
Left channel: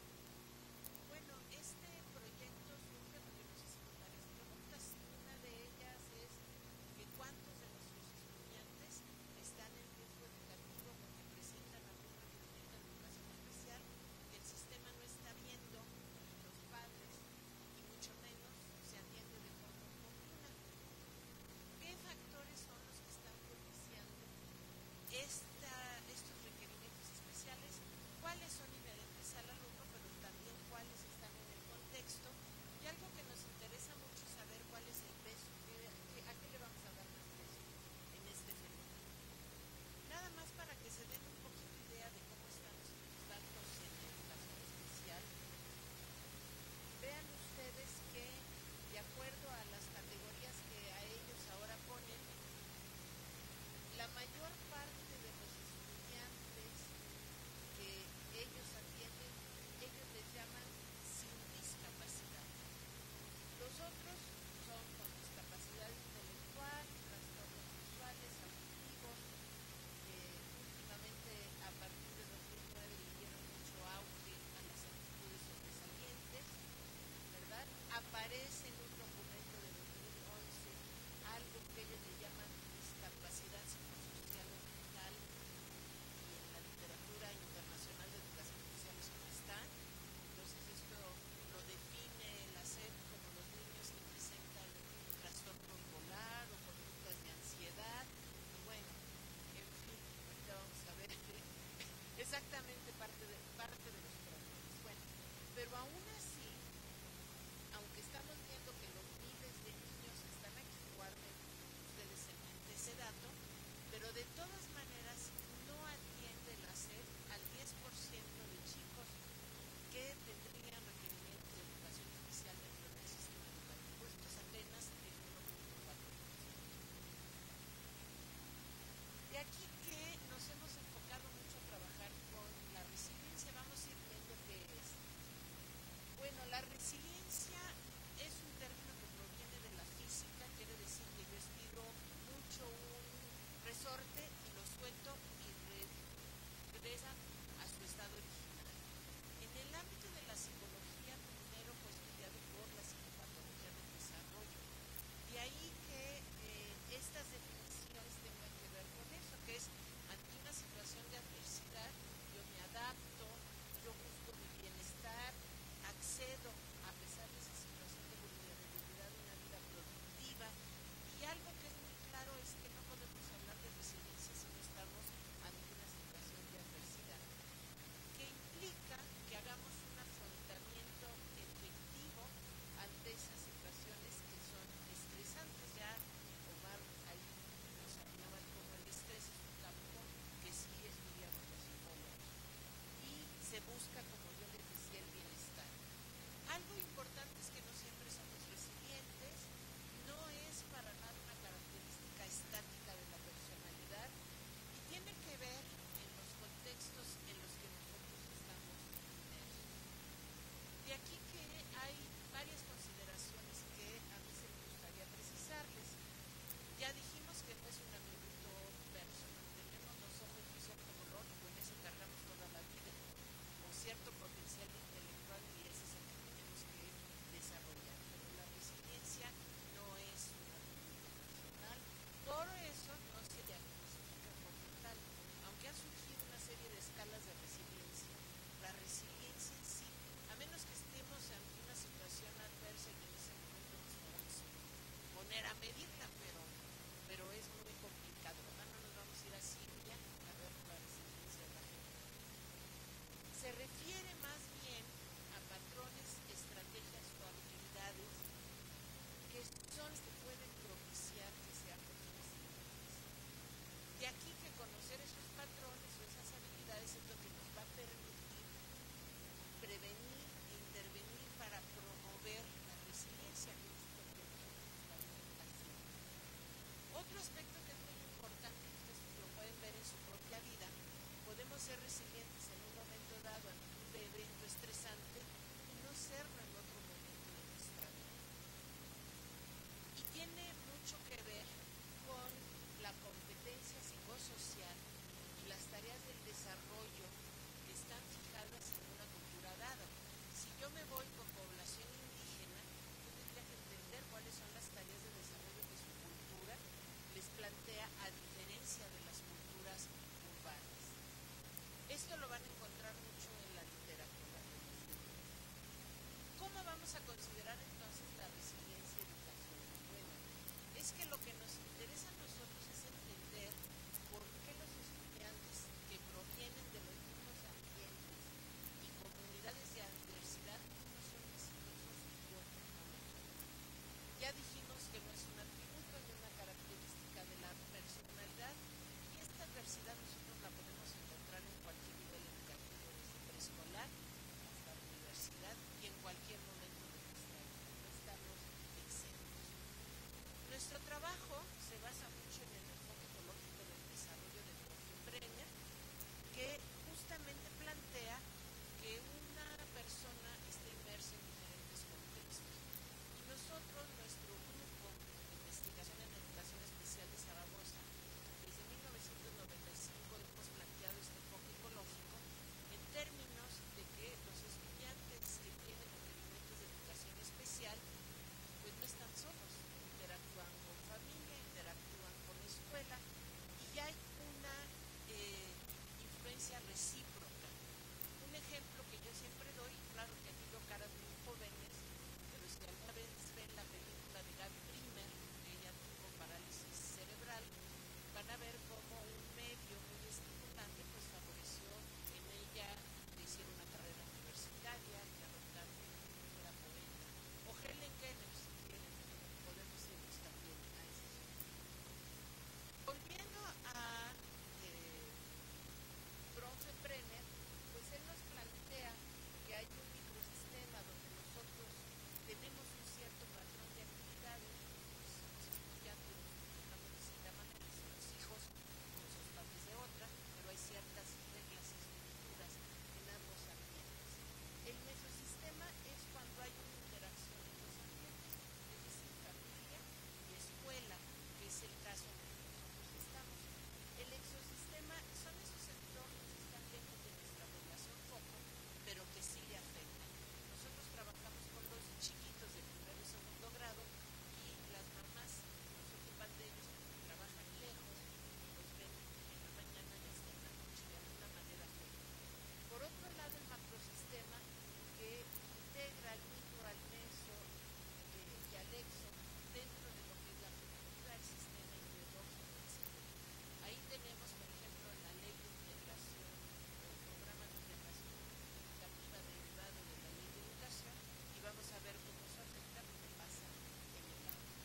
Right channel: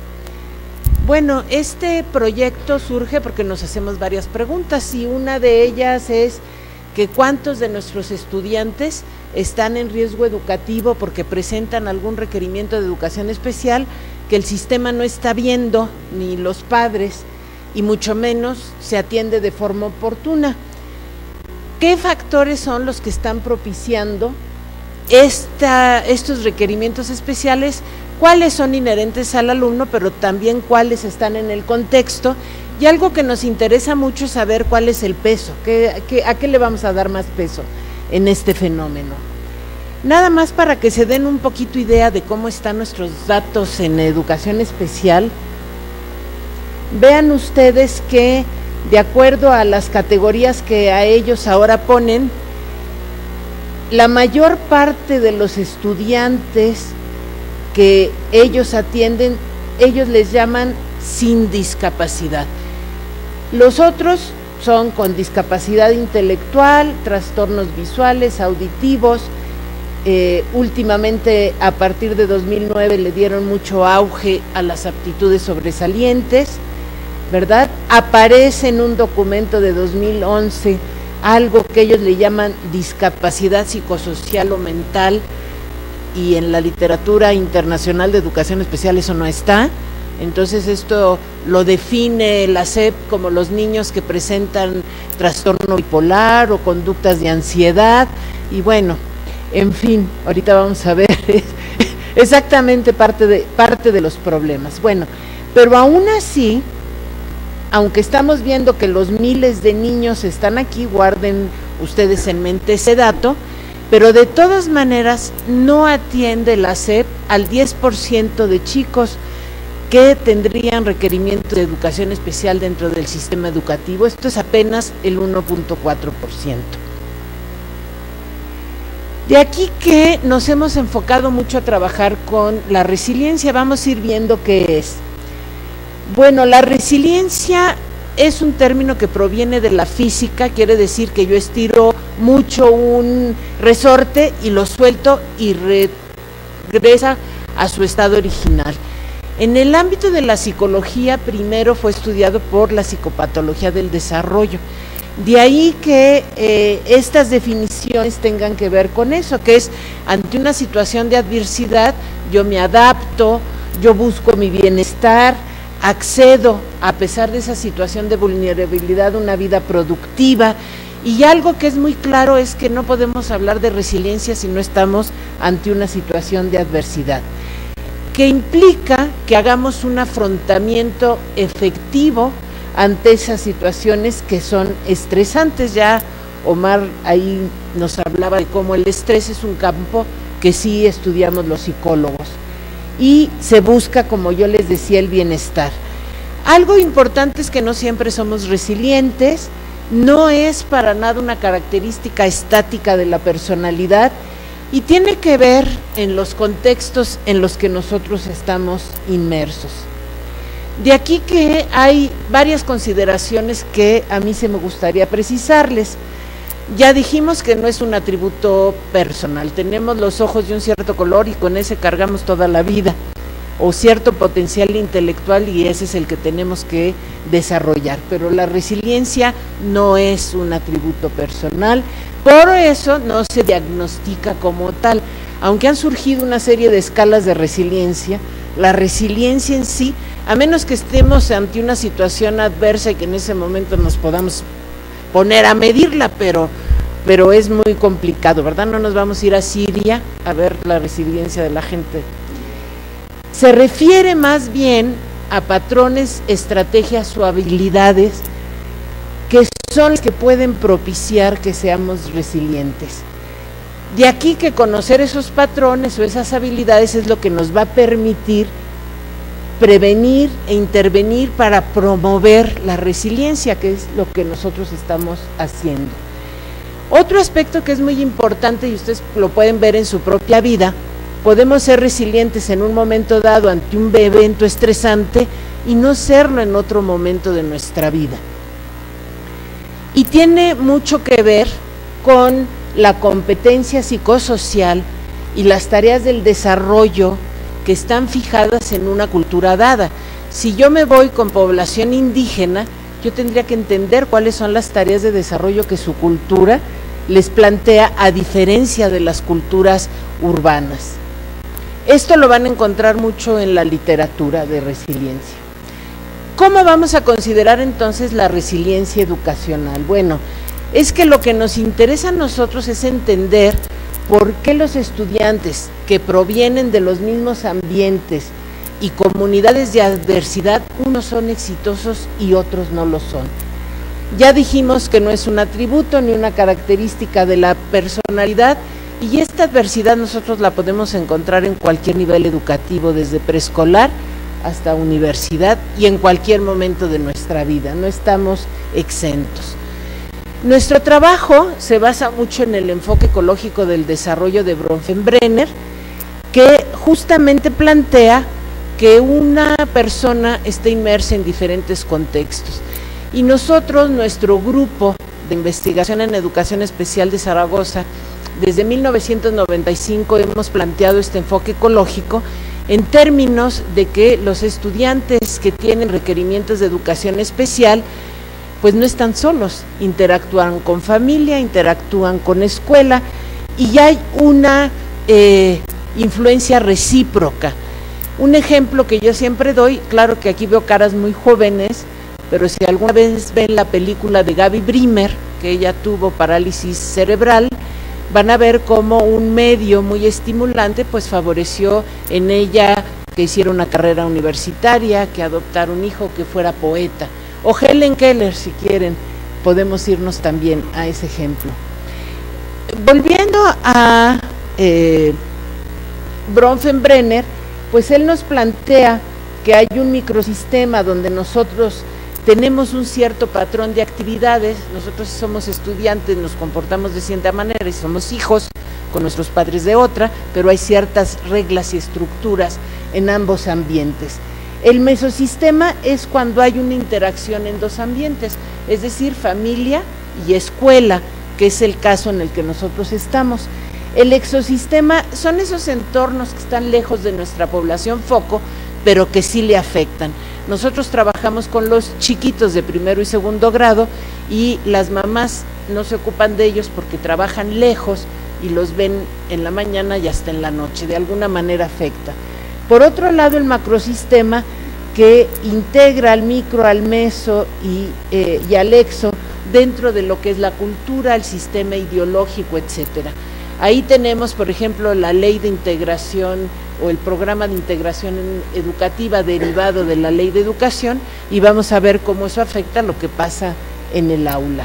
Bueno, este proyecto surge porque nos hacemos varias preguntas y una de ellas es que cuántos de nuestros estudiantes están en riesgo educativo porque presentan algún requerimiento de educación especial que el sistema no está viendo, ni los padres, y mucho menos se atiende de forma oportuna. ¿Qué factores son los que están propiciando estos requerimientos especiales? ¿Cuáles son inherentes al alumno, pero también cuáles están en el contexto? Y algo que nos interesa mucho es saber cuál es el peso, a qué le vamos a dar más peso en este fenómeno. Nada más para que se den un poquito idea de cómo están nuestros datos en educación especial. Vean ustedes que, de acuerdo a las categorías que a ellos ahora ponen, la mayor parte de los estudiantes que ellos atienden, ellos les llaman sin discapacidad. Los otros son con discapacidad intelectual, trastornos visuales, auditivos. Últimamente, a partir de 2009, le dieron mucho auge a las aptitudes sobresalientes, ¿verdad? Aparece en un documento de 2011 algo que ellos le llaman discapacidad psicosocial o mental, y en la literatura internacional de educación especial eso no está. Entonces esto lo define la SEP como los niños que presentan trastorno bipolar o conductas de ansiedad, y bueno, en fin, ahorita vamos a ver exactamente parte de los problemas. Bueno, pero aún así, aunque estamos viendo que los miles de niños están aquí, guarden ustedes en mente ese dato, pero de todas maneras no atiende la SEP al 10% de chicos que tendrían requerimiento de educación especial dentro del sistema educativo. Esto es apenas el 1.4%. De aquí que nos hemos enfocado mucho a trabajar con la resiliencia. Vamos a ir viendo qué es. Bueno, la resiliencia es un término que proviene de la física, quiere decir que yo estiro mucho un resorte y lo suelto y regresa a su estado original. En el ámbito de la psicología, primero fue estudiado por la psicopatología del desarrollo. De ahí que estas definiciones tengan que ver con eso, que es ante una situación de adversidad, yo me adapto, yo busco mi bienestar, accedo, a pesar de esa situación de vulnerabilidad, una vida productiva. Y algo que es muy claro es que no podemos hablar de resiliencia si no estamos ante una situación de adversidad, que implica que hagamos un afrontamiento efectivo ante esas situaciones que son estresantes. Ya Omar ahí nos hablaba de cómo el estrés es un campo que sí estudiamos los psicólogos, y se busca, como yo les decía, el bienestar. Algo importante es que no siempre somos resilientes, no es para nada una característica estática de la personalidad, y tiene que ver en los contextos en los que nosotros estamos inmersos. De aquí que hay varias consideraciones que a mí se me gustaría precisarles. Ya dijimos que no es un atributo personal, tenemos los ojos de un cierto color y con ese cargamos toda la vida, o cierto potencial intelectual, y ese es el que tenemos que desarrollar, pero la resiliencia no es un atributo personal, por eso no se diagnostica como tal. Aunque han surgido una serie de escalas de resiliencia, la resiliencia en sí, a menos que estemos ante una situación adversa y que en ese momento nos podamos poner a medirla, pero es muy complicado, ¿verdad? No nos vamos a ir a Siria a ver la resiliencia de la gente. Se refiere más bien a patrones, estrategias o habilidades que son las que pueden propiciar que seamos resilientes. De aquí que conocer esos patrones o esas habilidades es lo que nos va a permitir prevenir e intervenir para promover la resiliencia, que es lo que nosotros estamos haciendo. Otro aspecto que es muy importante, y ustedes lo pueden ver en su propia vida, podemos ser resilientes en un momento dado ante un evento estresante y no serlo en otro momento de nuestra vida. Y tiene mucho que ver con la competencia psicosocial y las tareas del desarrollo que están fijadas en una cultura dada. Si yo me voy con población indígena, yo tendría que entender cuáles son las tareas de desarrollo que su cultura les plantea a diferencia de las culturas urbanas. Esto lo van a encontrar mucho en la literatura de resiliencia. ¿Cómo vamos a considerar entonces la resiliencia educacional? Bueno, es que lo que nos interesa a nosotros es entender por qué los estudiantes que provienen de los mismos ambientes y comunidades de adversidad, unos son exitosos y otros no lo son. Ya dijimos que no es un atributo ni una característica de la personalidad, y esta adversidad nosotros la podemos encontrar en cualquier nivel educativo, desde preescolar hasta universidad y en cualquier momento de nuestra vida, no estamos exentos. Nuestro trabajo se basa mucho en el enfoque ecológico del desarrollo de Bronfenbrenner, que justamente plantea que una persona está inmersa en diferentes contextos. Y nosotros, nuestro grupo de investigación en educación especial de Zaragoza, desde 1995 hemos planteado este enfoque ecológico en términos de que los estudiantes que tienen requerimientos de educación especial pues no están solos, interactúan con familia, interactúan con escuela y hay una influencia recíproca. Un ejemplo que yo siempre doy, claro que aquí veo caras muy jóvenes, pero si alguna vez ven la película de Gaby Brimer, que ella tuvo parálisis cerebral, van a ver cómo un medio muy estimulante pues favoreció en ella que hiciera una carrera universitaria, que adoptara un hijo, que fuera poeta. O Helen Keller, si quieren, podemos irnos también a ese ejemplo. Volviendo a Bronfenbrenner, pues él nos plantea que hay un microsistema donde nosotros tenemos un cierto patrón de actividades. Nosotros si somos estudiantes nos comportamos de cierta manera y somos hijos con nuestros padres de otra, pero hay ciertas reglas y estructuras en ambos ambientes. El mesosistema es cuando hay una interacción en dos ambientes, es decir, familia y escuela, que es el caso en el que nosotros estamos. El exosistema son esos entornos que están lejos de nuestra población foco, pero que sí le afectan. Nosotros trabajamos con los chiquitos de primero y segundo grado y las mamás no se ocupan de ellos porque trabajan lejos y los ven en la mañana y hasta en la noche, de alguna manera afecta. Por otro lado, el macrosistema, que integra al micro, al meso y al exo dentro de lo que es la cultura, el sistema ideológico, etcétera. Ahí tenemos, por ejemplo, la ley de integración o el programa de integración educativa derivado de la ley de educación, y vamos a ver cómo eso afecta lo que pasa en el aula.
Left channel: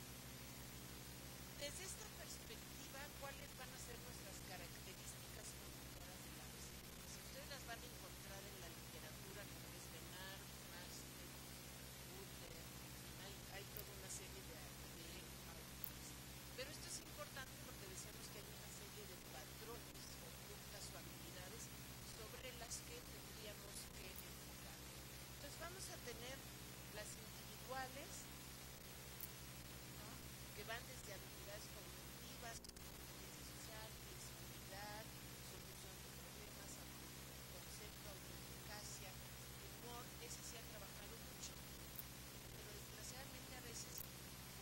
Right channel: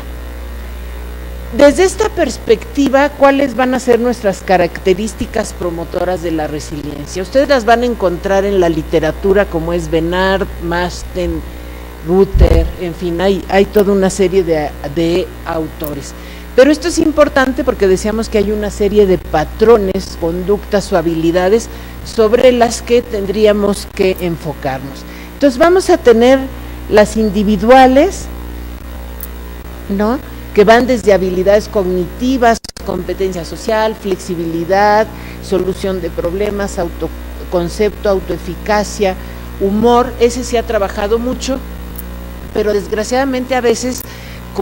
Desde esta perspectiva, ¿cuáles van a ser nuestras características promotoras de la resiliencia? Ustedes las van a encontrar en la literatura, como es Benard, Masten, Ruther, en fin, hay toda una serie de autores. Pero esto es importante porque decíamos que hay una serie de patrones, conductas o habilidades sobre las que tendríamos que enfocarnos. Entonces vamos a tener las individuales, ¿no?, que van desde habilidades cognitivas, competencia social, flexibilidad, solución de problemas, autoconcepto, autoeficacia, humor. Ese se ha trabajado mucho, pero desgraciadamente a veces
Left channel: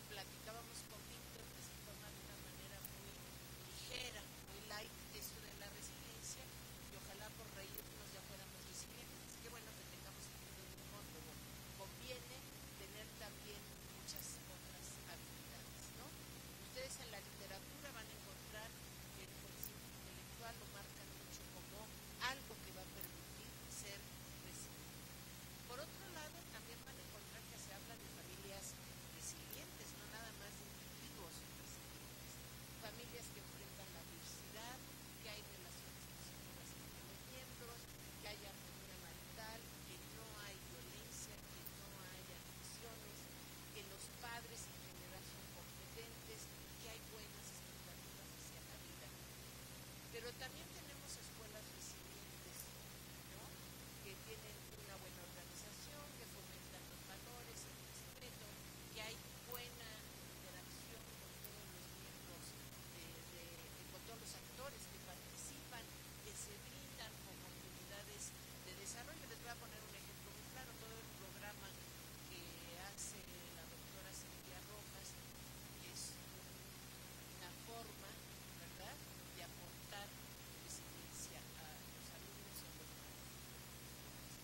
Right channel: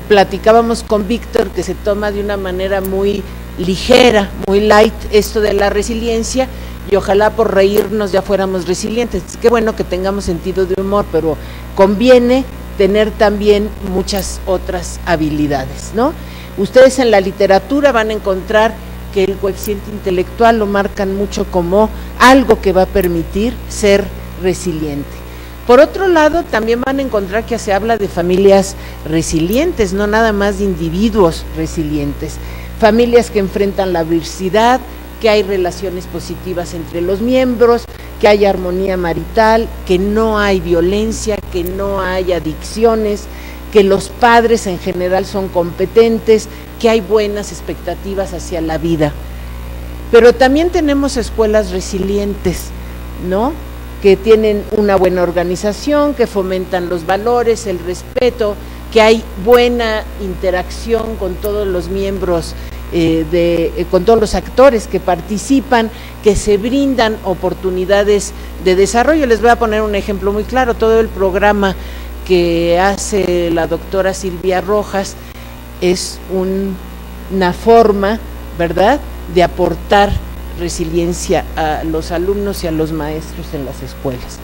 platicábamos con Víctor que se toma de una manera muy ligera, muy light esto de la resiliencia, y ojalá por reírnos ya fuéramos resilientes. Qué bueno que tengamos sentido de humor, pero conviene tener también muchas otras habilidades, ¿no? Ustedes en la literatura van a encontrar que el coeficiente intelectual lo marcan mucho como algo que va a permitir ser resiliente. Por otro lado, también van a encontrar que se habla de familias resilientes, no nada más de individuos resilientes, familias que enfrentan la adversidad, que hay relaciones positivas entre los miembros, que hay armonía marital, que no hay violencia, que no hay adicciones, que los padres en general son competentes, que hay buenas expectativas hacia la vida. Pero también tenemos escuelas resilientes, ¿no?, que tienen una buena organización, que fomentan los valores, el respeto, que hay buena interacción con todos los miembros, con todos los actores que participan, que se brindan oportunidades de desarrollo. Les voy a poner un ejemplo muy claro. Todo el programa que hace la doctora Silvia Rojas es un una forma, ¿verdad?, de aportar resiliencia a los alumnos y a los maestros en las escuelas.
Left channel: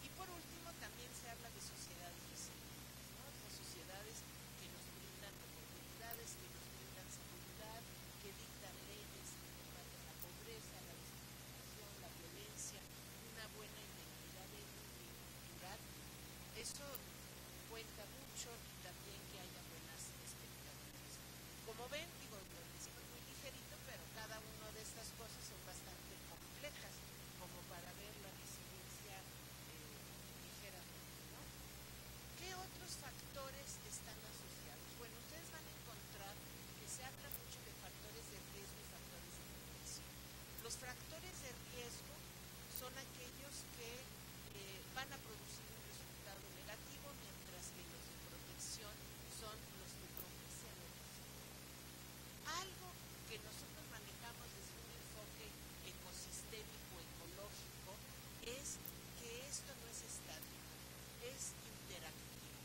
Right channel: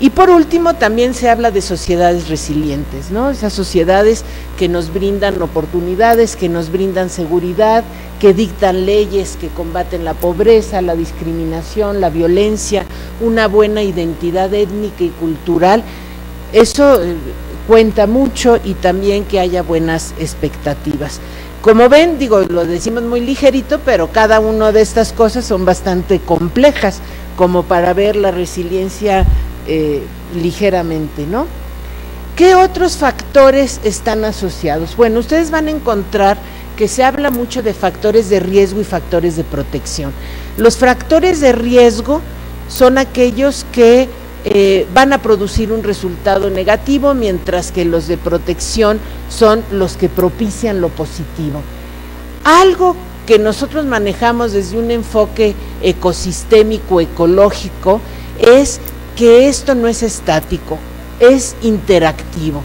Y por último, también se habla de sociedades resilientes, ¿no? Esas sociedades que nos brindan oportunidades, que nos brindan seguridad, que dictan leyes que combaten la pobreza, la discriminación, la violencia, una buena identidad étnica y cultural. Eso cuenta mucho, y también que haya buenas expectativas. Como ven, digo, lo decimos muy ligerito, pero cada una de estas cosas son bastante complejas, como para ver la resiliencia ligeramente, ¿no? ¿Qué otros factores están asociados? Bueno, ustedes van a encontrar que se habla mucho de factores de riesgo y factores de protección. Los factores de riesgo son aquellos que van a producir un resultado negativo, mientras que los de protección son los que propician lo positivo. Algo que nosotros manejamos desde un enfoque ecosistémico, ecológico, es que esto no es estático, es interactivo,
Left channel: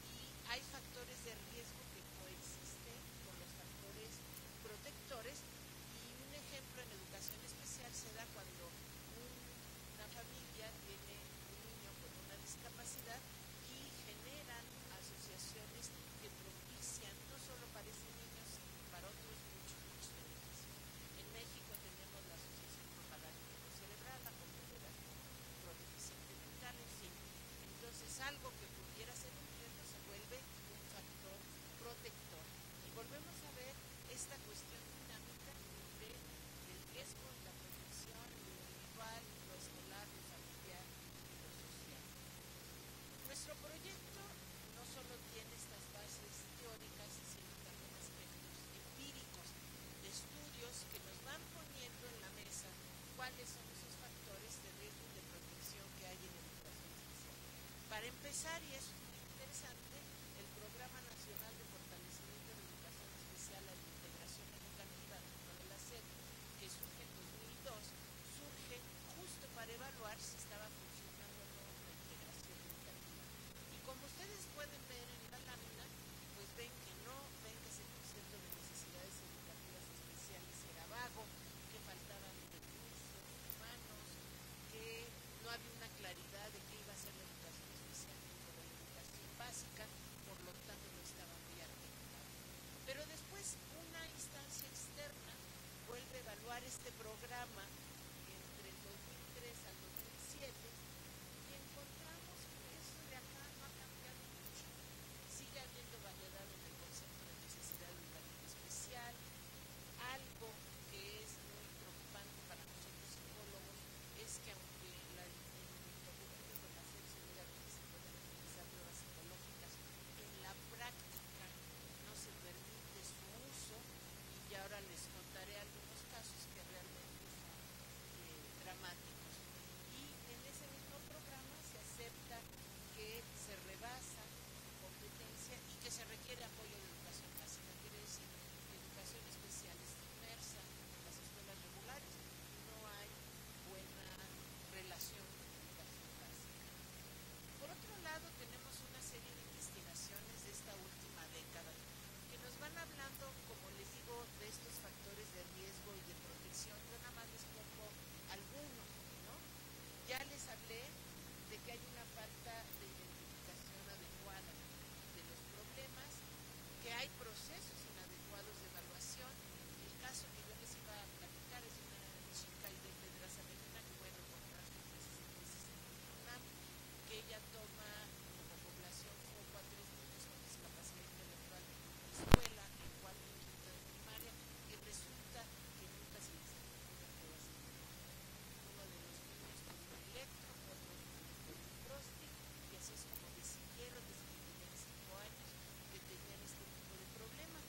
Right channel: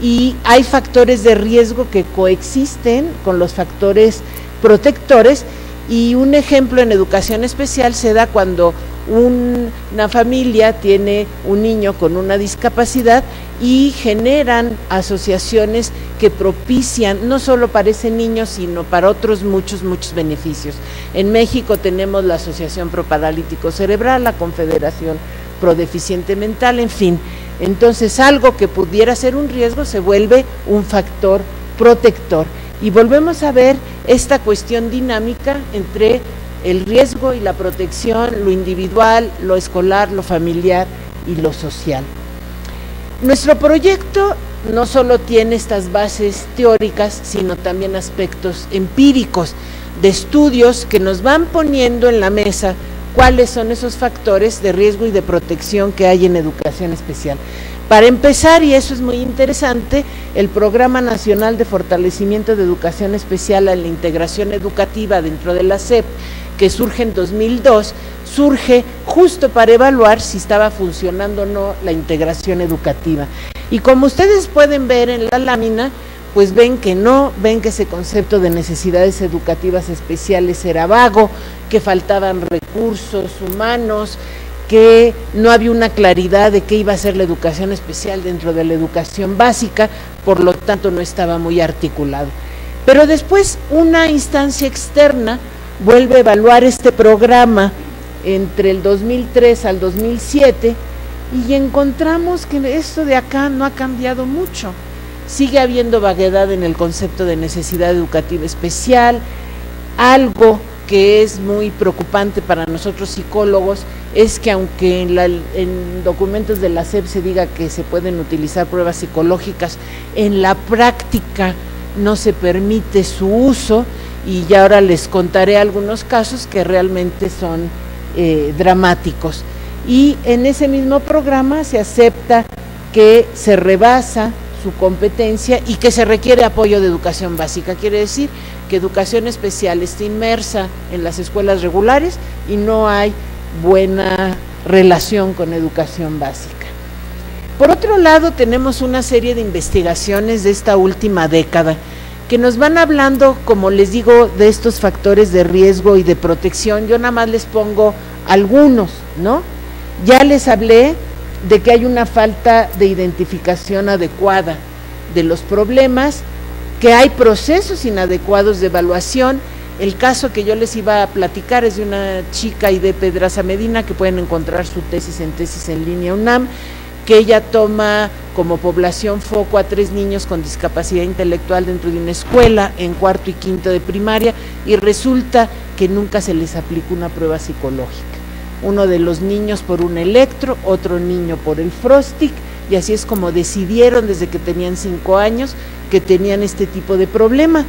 y hay factores de riesgo que coexisten con los factores protectores, y un ejemplo en educación especial se da cuando una familia tiene un niño con una discapacidad y generan asociaciones que propician no solo para ese niño, sino para otros muchos beneficios. En México tenemos la Asociación Pro Paralítico Cerebral, la Confederación Pro Deficiente Mental, en fin. Entonces, algo que pudiera ser un riesgo se vuelve un factor protector, y volvemos a ver esta cuestión dinámica entre el riesgo y la protección, lo individual, lo escolar, lo familiar y lo social. Nuestro proyecto no solo tiene estas bases teóricas, sino también aspectos empíricos de estudios que nos van poniendo en la mesa cuáles son esos factores de riesgo y de protección que hay en educación especial. Para empezar, y eso es muy interesante, el Programa Nacional de Fortalecimiento de Educación Especial a la Integración Educativa dentro de la SEP, que surge en 2002, surge justo para evaluar si estaba funcionando o no la integración educativa. Y como ustedes pueden ver en la lámina, pues ven que no, ven que ese concepto de necesidades educativas especiales era vago, que faltaban recursos humanos, que no había una claridad de qué iba a ser la educación especial dentro de la educación básica, por lo tanto no estaba muy articulado. Pero después una instancia externa vuelve a evaluar este programa entre el 2003 al 2007 y encontramos que esto de acá no ha cambiado mucho. Sigue habiendo vaguedad en el concepto de necesidad educativa especial. Algo que es muy preocupante para nosotros psicólogos es que aunque en documentos de la SEP se diga que se pueden utilizar pruebas psicológicas, en la práctica no se permite su uso, y ya ahora les contaré algunos casos que realmente son dramáticos. Y en ese mismo programa se acepta que se rebasa su competencia y que se requiere apoyo de educación básica. Quiere decir que educación especial está inmersa en las escuelas regulares y no hay buena relación con educación básica. Por otro lado, tenemos una serie de investigaciones de esta última década que nos van hablando, como les digo, de estos factores de riesgo y de protección. Yo nada más les pongo algunos, ¿no? Ya les hablé de que hay una falta de identificación adecuada de los problemas, que hay procesos inadecuados de evaluación. El caso que yo les iba a platicar es de una chica, Aide Pedraza Medina, que pueden encontrar su tesis en línea UNAM, que ella toma como población foco a 3 niños con discapacidad intelectual dentro de una escuela en cuarto y quinto de primaria, y resulta que nunca se les aplica una prueba psicológica. Uno de los niños por un electro, otro niño por el Frostic, y así es como decidieron desde que tenían 5 años que tenían este tipo de problema,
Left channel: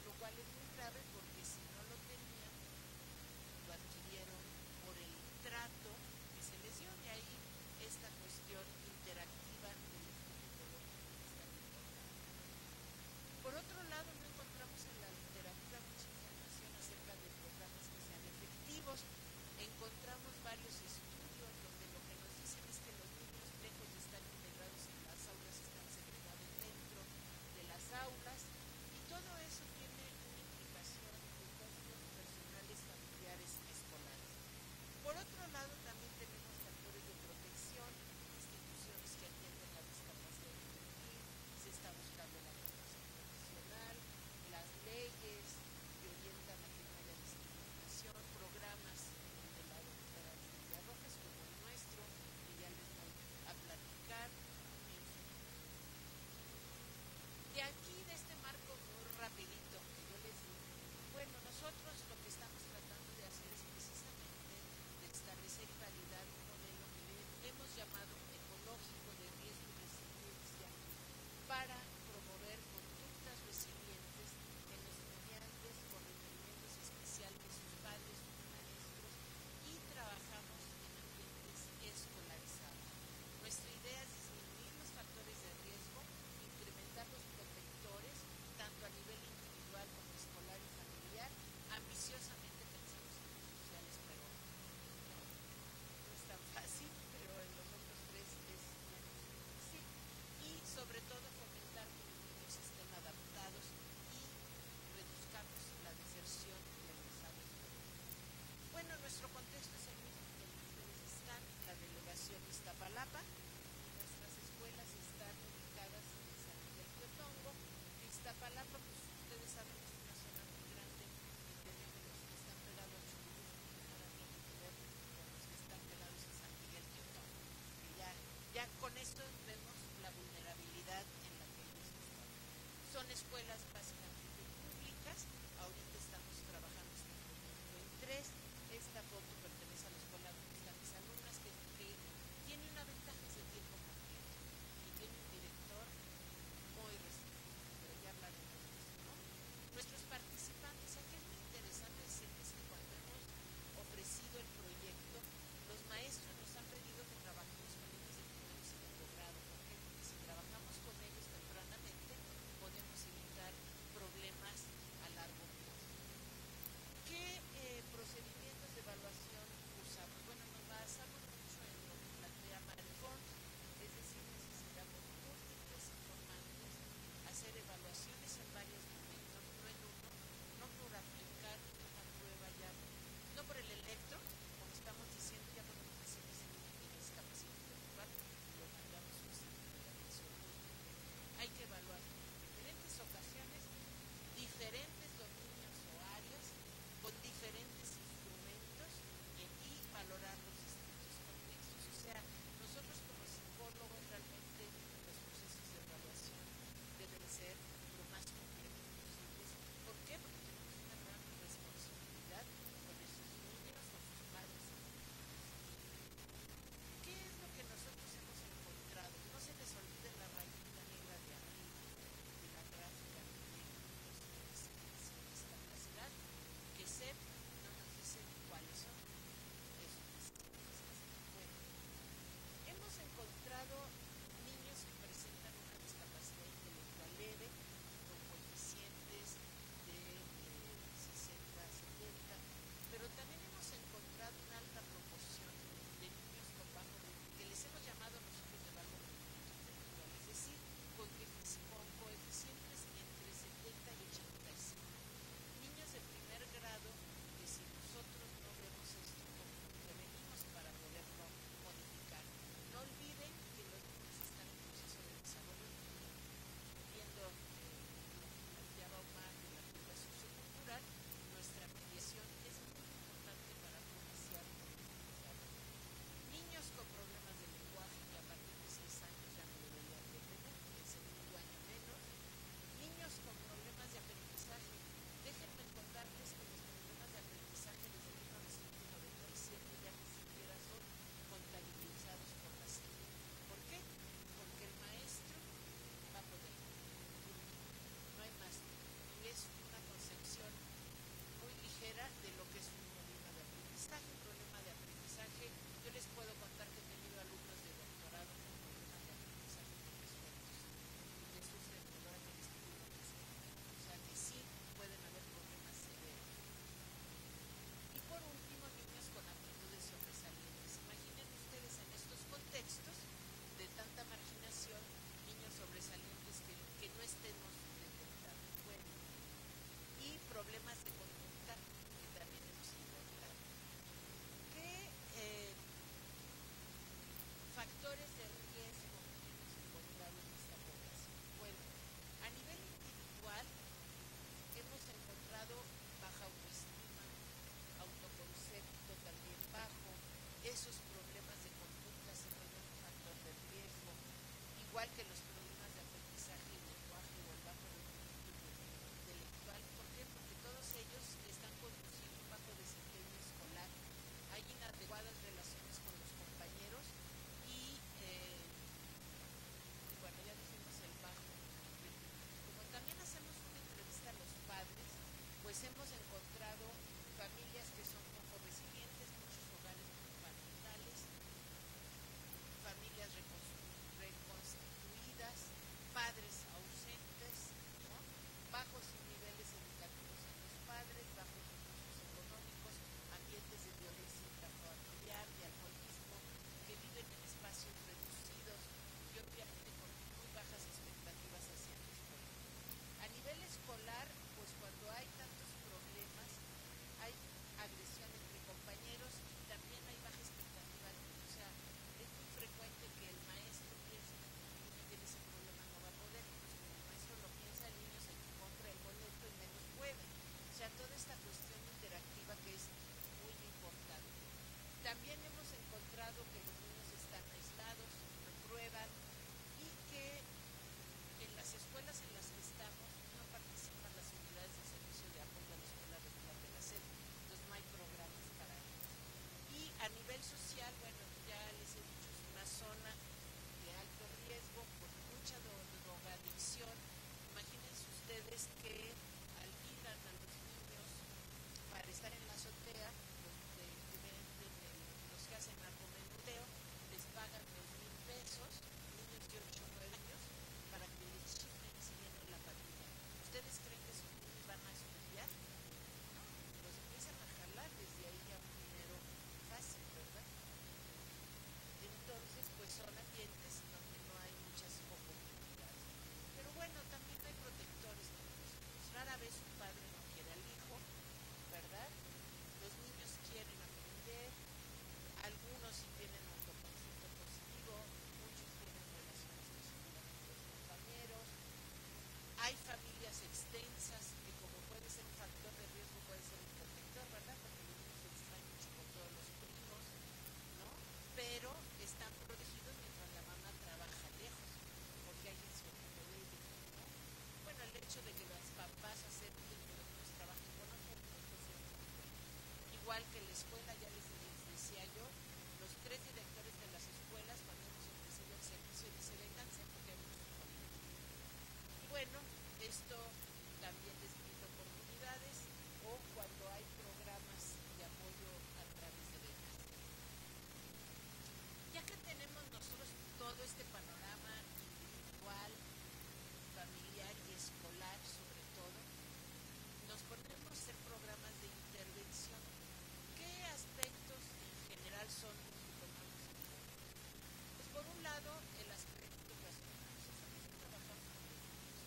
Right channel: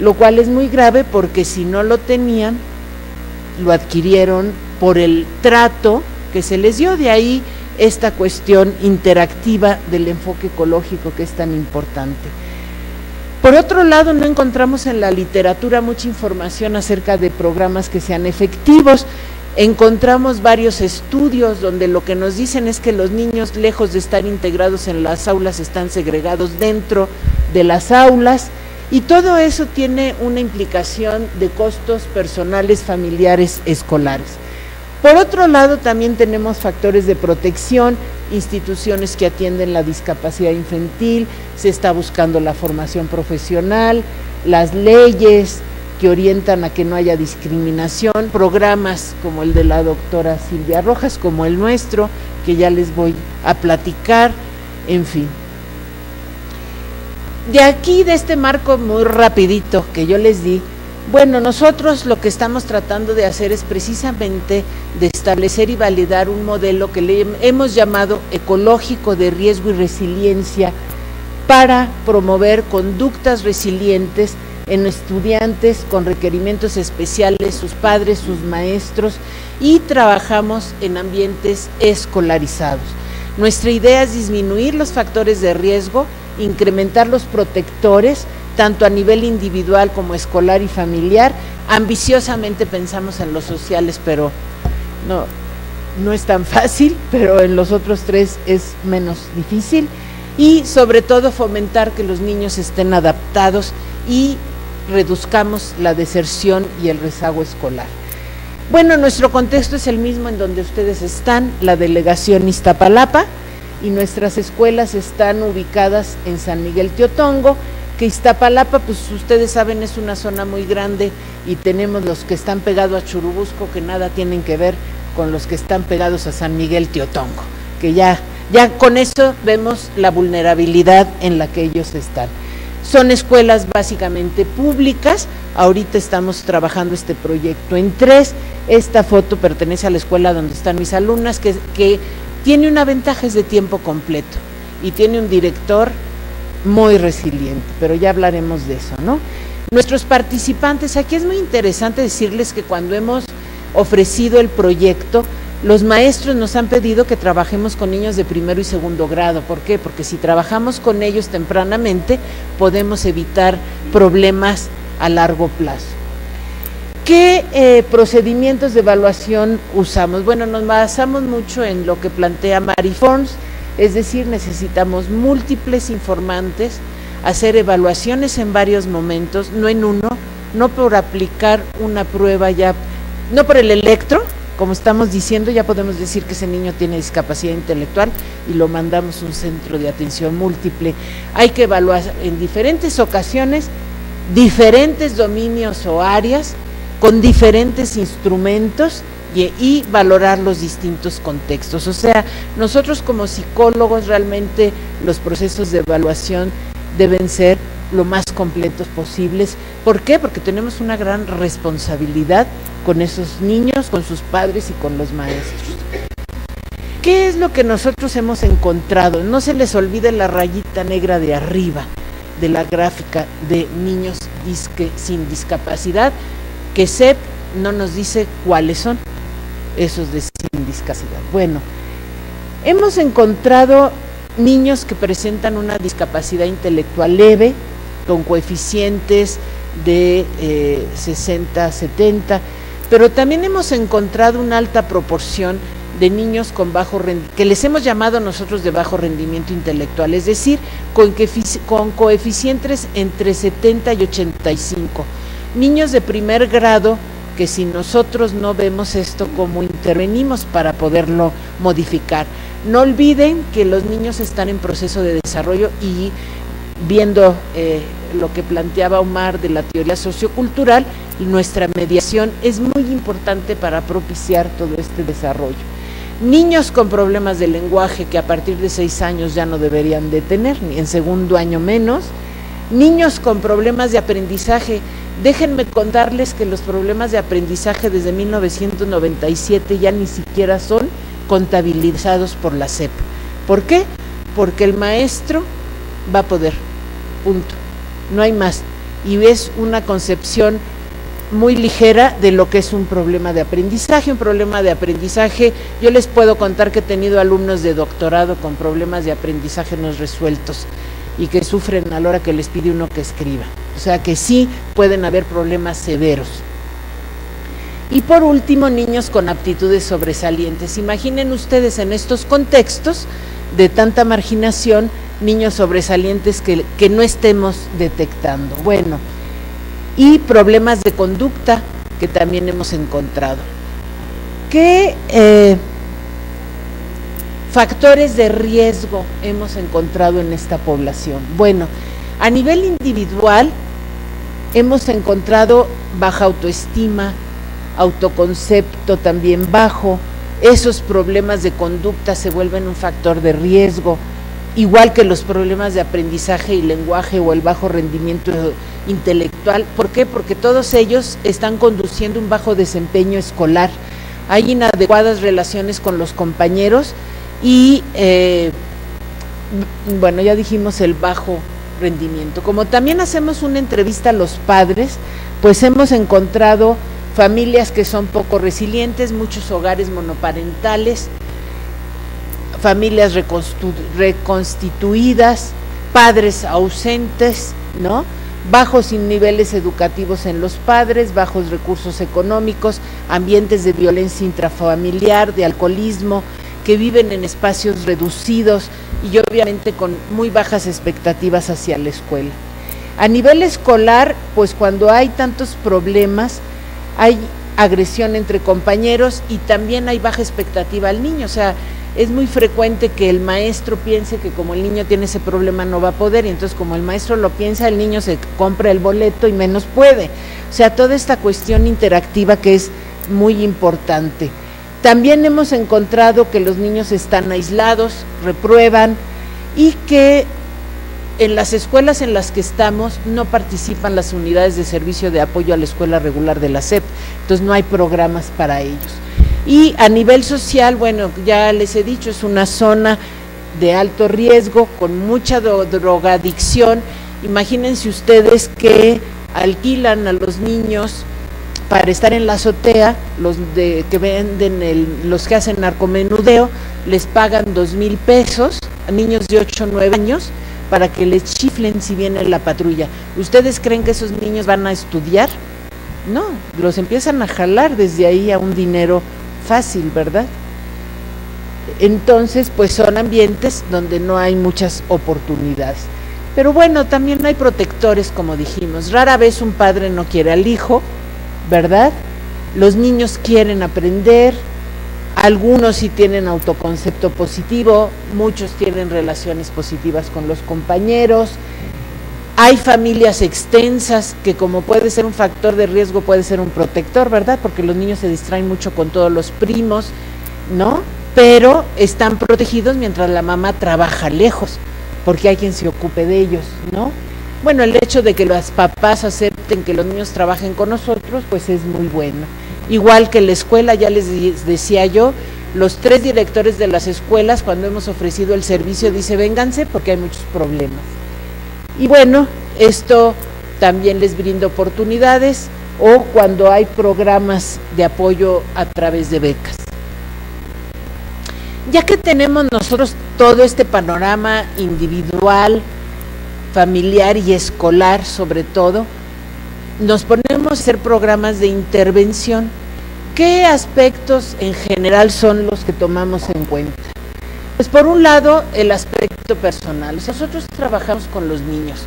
lo cual es muy grave porque si no lo tenían, lo adquirieron por el trato que se les dio. De ahí esta cuestión interactiva del enfoque ecológico que es tan importante. Por otro lado, no encontramos en la literatura mucha información acerca de programas que sean efectivos. Encontramos varios estudios donde lo que nos dicen es que los niños, lejos de estar integrados en las aulas, están segregados dentro de las aulas, Y todo eso tiene una implicación de costos personales, familiares, escolares. Por otro lado, también tenemos factores de protección, instituciones que atienden la discapacidad infantil, se está buscando la formación profesional, las leyes que orientan a que no haya discriminación, programas como el de la doctora Silvia Rojas, como el nuestro, que ya les voy a platicar, en fin. De aquí, de este marco muy rapidito que yo les di, bueno, nosotros lo que estamos tratando de hacer es precisamente de establecer y validar un modelo que le hemos llamado ecológico de riesgo y resiliencia para promover conductas resilientes en estudiantes con requerimientos especiales, sus padres, sus maestros, y trabajamos en ambientes escolarizados. Nuestra idea es disminuir los factores de riesgo, incrementar los protectores, tanto a nivel individual como escolar y familiar. Ambiciosamente pensamos en los sociales, pero no es tan fácil, pero en los otros tres es menos difícil, y sobre todo fomentar que los niños estén adaptados y reduzcamos la deserción y el rezago escolar. Bueno, nuestro contexto es el mismo en donde ustedes están, la delegación Iztapalapa, y nuestras escuelas están ubicadas en San Miguel Teotongo, que Iztapalapa, pues ustedes saben, es una zona muy grande, y tenemos los que están pegados a Churubusco, que nada tienen que ver con los que están pegados a San Miguel Teotongo, que ya con eso vemos la vulnerabilidad en la que ellos están. Son escuelas básicamente públicas. Ahorita estamos trabajando este proyecto en 3. Esta foto pertenece a la escuela donde están mis alumnas, que tiene una ventaja, es de tiempo completo, y tiene un director muy resiliente, pero ya hablaremos de eso, ¿no? Nuestros participantes, aquí es muy interesante decirles que cuando hemos ofrecido el proyecto, los maestros nos han pedido que trabajemos con niños de primero y segundo grado. ¿Por qué? Porque si trabajamos con ellos tempranamente, podemos evitar problemas a largo plazo. ¿Qué procedimientos de evaluación usamos? Bueno, nos basamos mucho en lo que plantea Mary Forms, es decir, necesitamos múltiples informantes, hacer evaluaciones en varios momentos, no en uno, no por aplicar una prueba ya, no por el electro, como estamos diciendo, ya podemos decir que ese niño tiene discapacidad intelectual y lo mandamos a un centro de atención múltiple. Hay que evaluar en diferentes ocasiones, diferentes dominios o áreas, con diferentes instrumentos y valorar los distintos contextos. O sea, nosotros como psicólogos realmente los procesos de evaluación deben ser lo más completos posibles. ¿Por qué? Porque tenemos una gran responsabilidad con esos niños, con sus padres y con los maestros. ¿Qué es lo que nosotros hemos encontrado? No se les olvide la rayita negra de arriba de la gráfica de niños sin discapacidad, que SEP no nos dice cuáles son esos de sin discapacidad. Bueno, hemos encontrado niños que presentan una discapacidad intelectual leve, con coeficientes de 60, 70, pero también hemos encontrado una alta proporción de niños con bajo rendimiento, que les hemos llamado nosotros de bajo rendimiento intelectual, es decir, con coeficientes entre 70 y 85. Niños de primer grado que si nosotros no vemos esto, ¿cómo intervenimos para poderlo modificar? No olviden que los niños están en proceso de desarrollo y viendo lo que planteaba Omar de la teoría sociocultural, nuestra mediación es muy importante para propiciar todo este desarrollo. Niños con problemas de lenguaje que a partir de 6 años ya no deberían de tener, ni en segundo año menos. Niños con problemas de aprendizaje. Déjenme contarles que los problemas de aprendizaje desde 1997 ya ni siquiera son contabilizados por la SEP. ¿Por qué? Porque el maestro va a poder, punto, no hay más, y es una concepción muy ligera de lo que es un problema de aprendizaje. Un problema de aprendizaje, yo les puedo contar que he tenido alumnos de doctorado con problemas de aprendizaje no resueltos y que sufren a la hora que les pide uno que escriba, o sea que sí pueden haber problemas severos. Y por último, niños con aptitudes sobresalientes. Imaginen ustedes en estos contextos de tanta marginación niños sobresalientes que no estemos detectando. Bueno, y problemas de conducta que también hemos encontrado. ¿Qué factores de riesgo hemos encontrado en esta población? Bueno, a nivel individual hemos encontrado baja autoestima, autoconcepto también bajo, esos problemas de conducta se vuelven un factor de riesgo, igual que los problemas de aprendizaje y lenguaje o el bajo rendimiento intelectual. ¿Por qué? Porque todos ellos están conduciendo un bajo desempeño escolar, hay inadecuadas relaciones con los compañeros y, bueno, ya dijimos el bajo rendimiento. Como también hacemos una entrevista a los padres, pues hemos encontrado familias que son poco resilientes, muchos hogares monoparentales, familias reconstituidas, padres ausentes, ¿no? Bajos niveles educativos en los padres, bajos recursos económicos, ambientes de violencia intrafamiliar, de alcoholismo, que viven en espacios reducidos y obviamente con muy bajas expectativas hacia la escuela. A nivel escolar, pues cuando hay tantos problemas, hay agresión entre compañeros y también hay baja expectativa al niño, o sea, es muy frecuente que el maestro piense que como el niño tiene ese problema no va a poder, y entonces como el maestro lo piensa, el niño se compra el boleto y menos puede. O sea, toda esta cuestión interactiva que es muy importante. También hemos encontrado que los niños están aislados, reprueban y que en las escuelas en las que estamos no participan las unidades de servicio de apoyo a la escuela regular de la SEP, entonces no hay programas para ellos. Y a nivel social, bueno, ya les he dicho, es una zona de alto riesgo, con mucha drogadicción. Imagínense ustedes que alquilan a los niños para estar en la azotea, los que venden, los que hacen narcomenudeo, les pagan 2,000 pesos a niños de 8 o 9 años para que les chiflen si viene la patrulla. ¿Ustedes creen que esos niños van a estudiar? No, los empiezan a jalar desde ahí a un dinero fácil, ¿verdad? Entonces, pues son ambientes donde no hay muchas oportunidades. Pero bueno, también hay protectores, como dijimos. Rara vez un padre no quiere al hijo, ¿verdad? Los niños quieren aprender, algunos sí tienen autoconcepto positivo, muchos tienen relaciones positivas con los compañeros. Hay familias extensas que, como puede ser un factor de riesgo, puede ser un protector, ¿verdad? Porque los niños se distraen mucho con todos los primos, ¿no? Pero están protegidos mientras la mamá trabaja lejos, porque hay quien se ocupe de ellos, ¿no? Bueno, el hecho de que los papás acepten que los niños trabajen con nosotros, pues es muy bueno. Igual que la escuela, ya les decía yo, los 3 directores de las escuelas, cuando hemos ofrecido el servicio, dice vénganse porque hay muchos problemas. Y bueno, esto también les brinda oportunidades, o cuando hay programas de apoyo a través de becas. Ya que tenemos nosotros todo este panorama individual, familiar y escolar sobre todo, nos ponemos a hacer programas de intervención. ¿Qué aspectos en general son los que tomamos en cuenta? Pues por un lado, el aspecto personal. Nosotros trabajamos con los niños.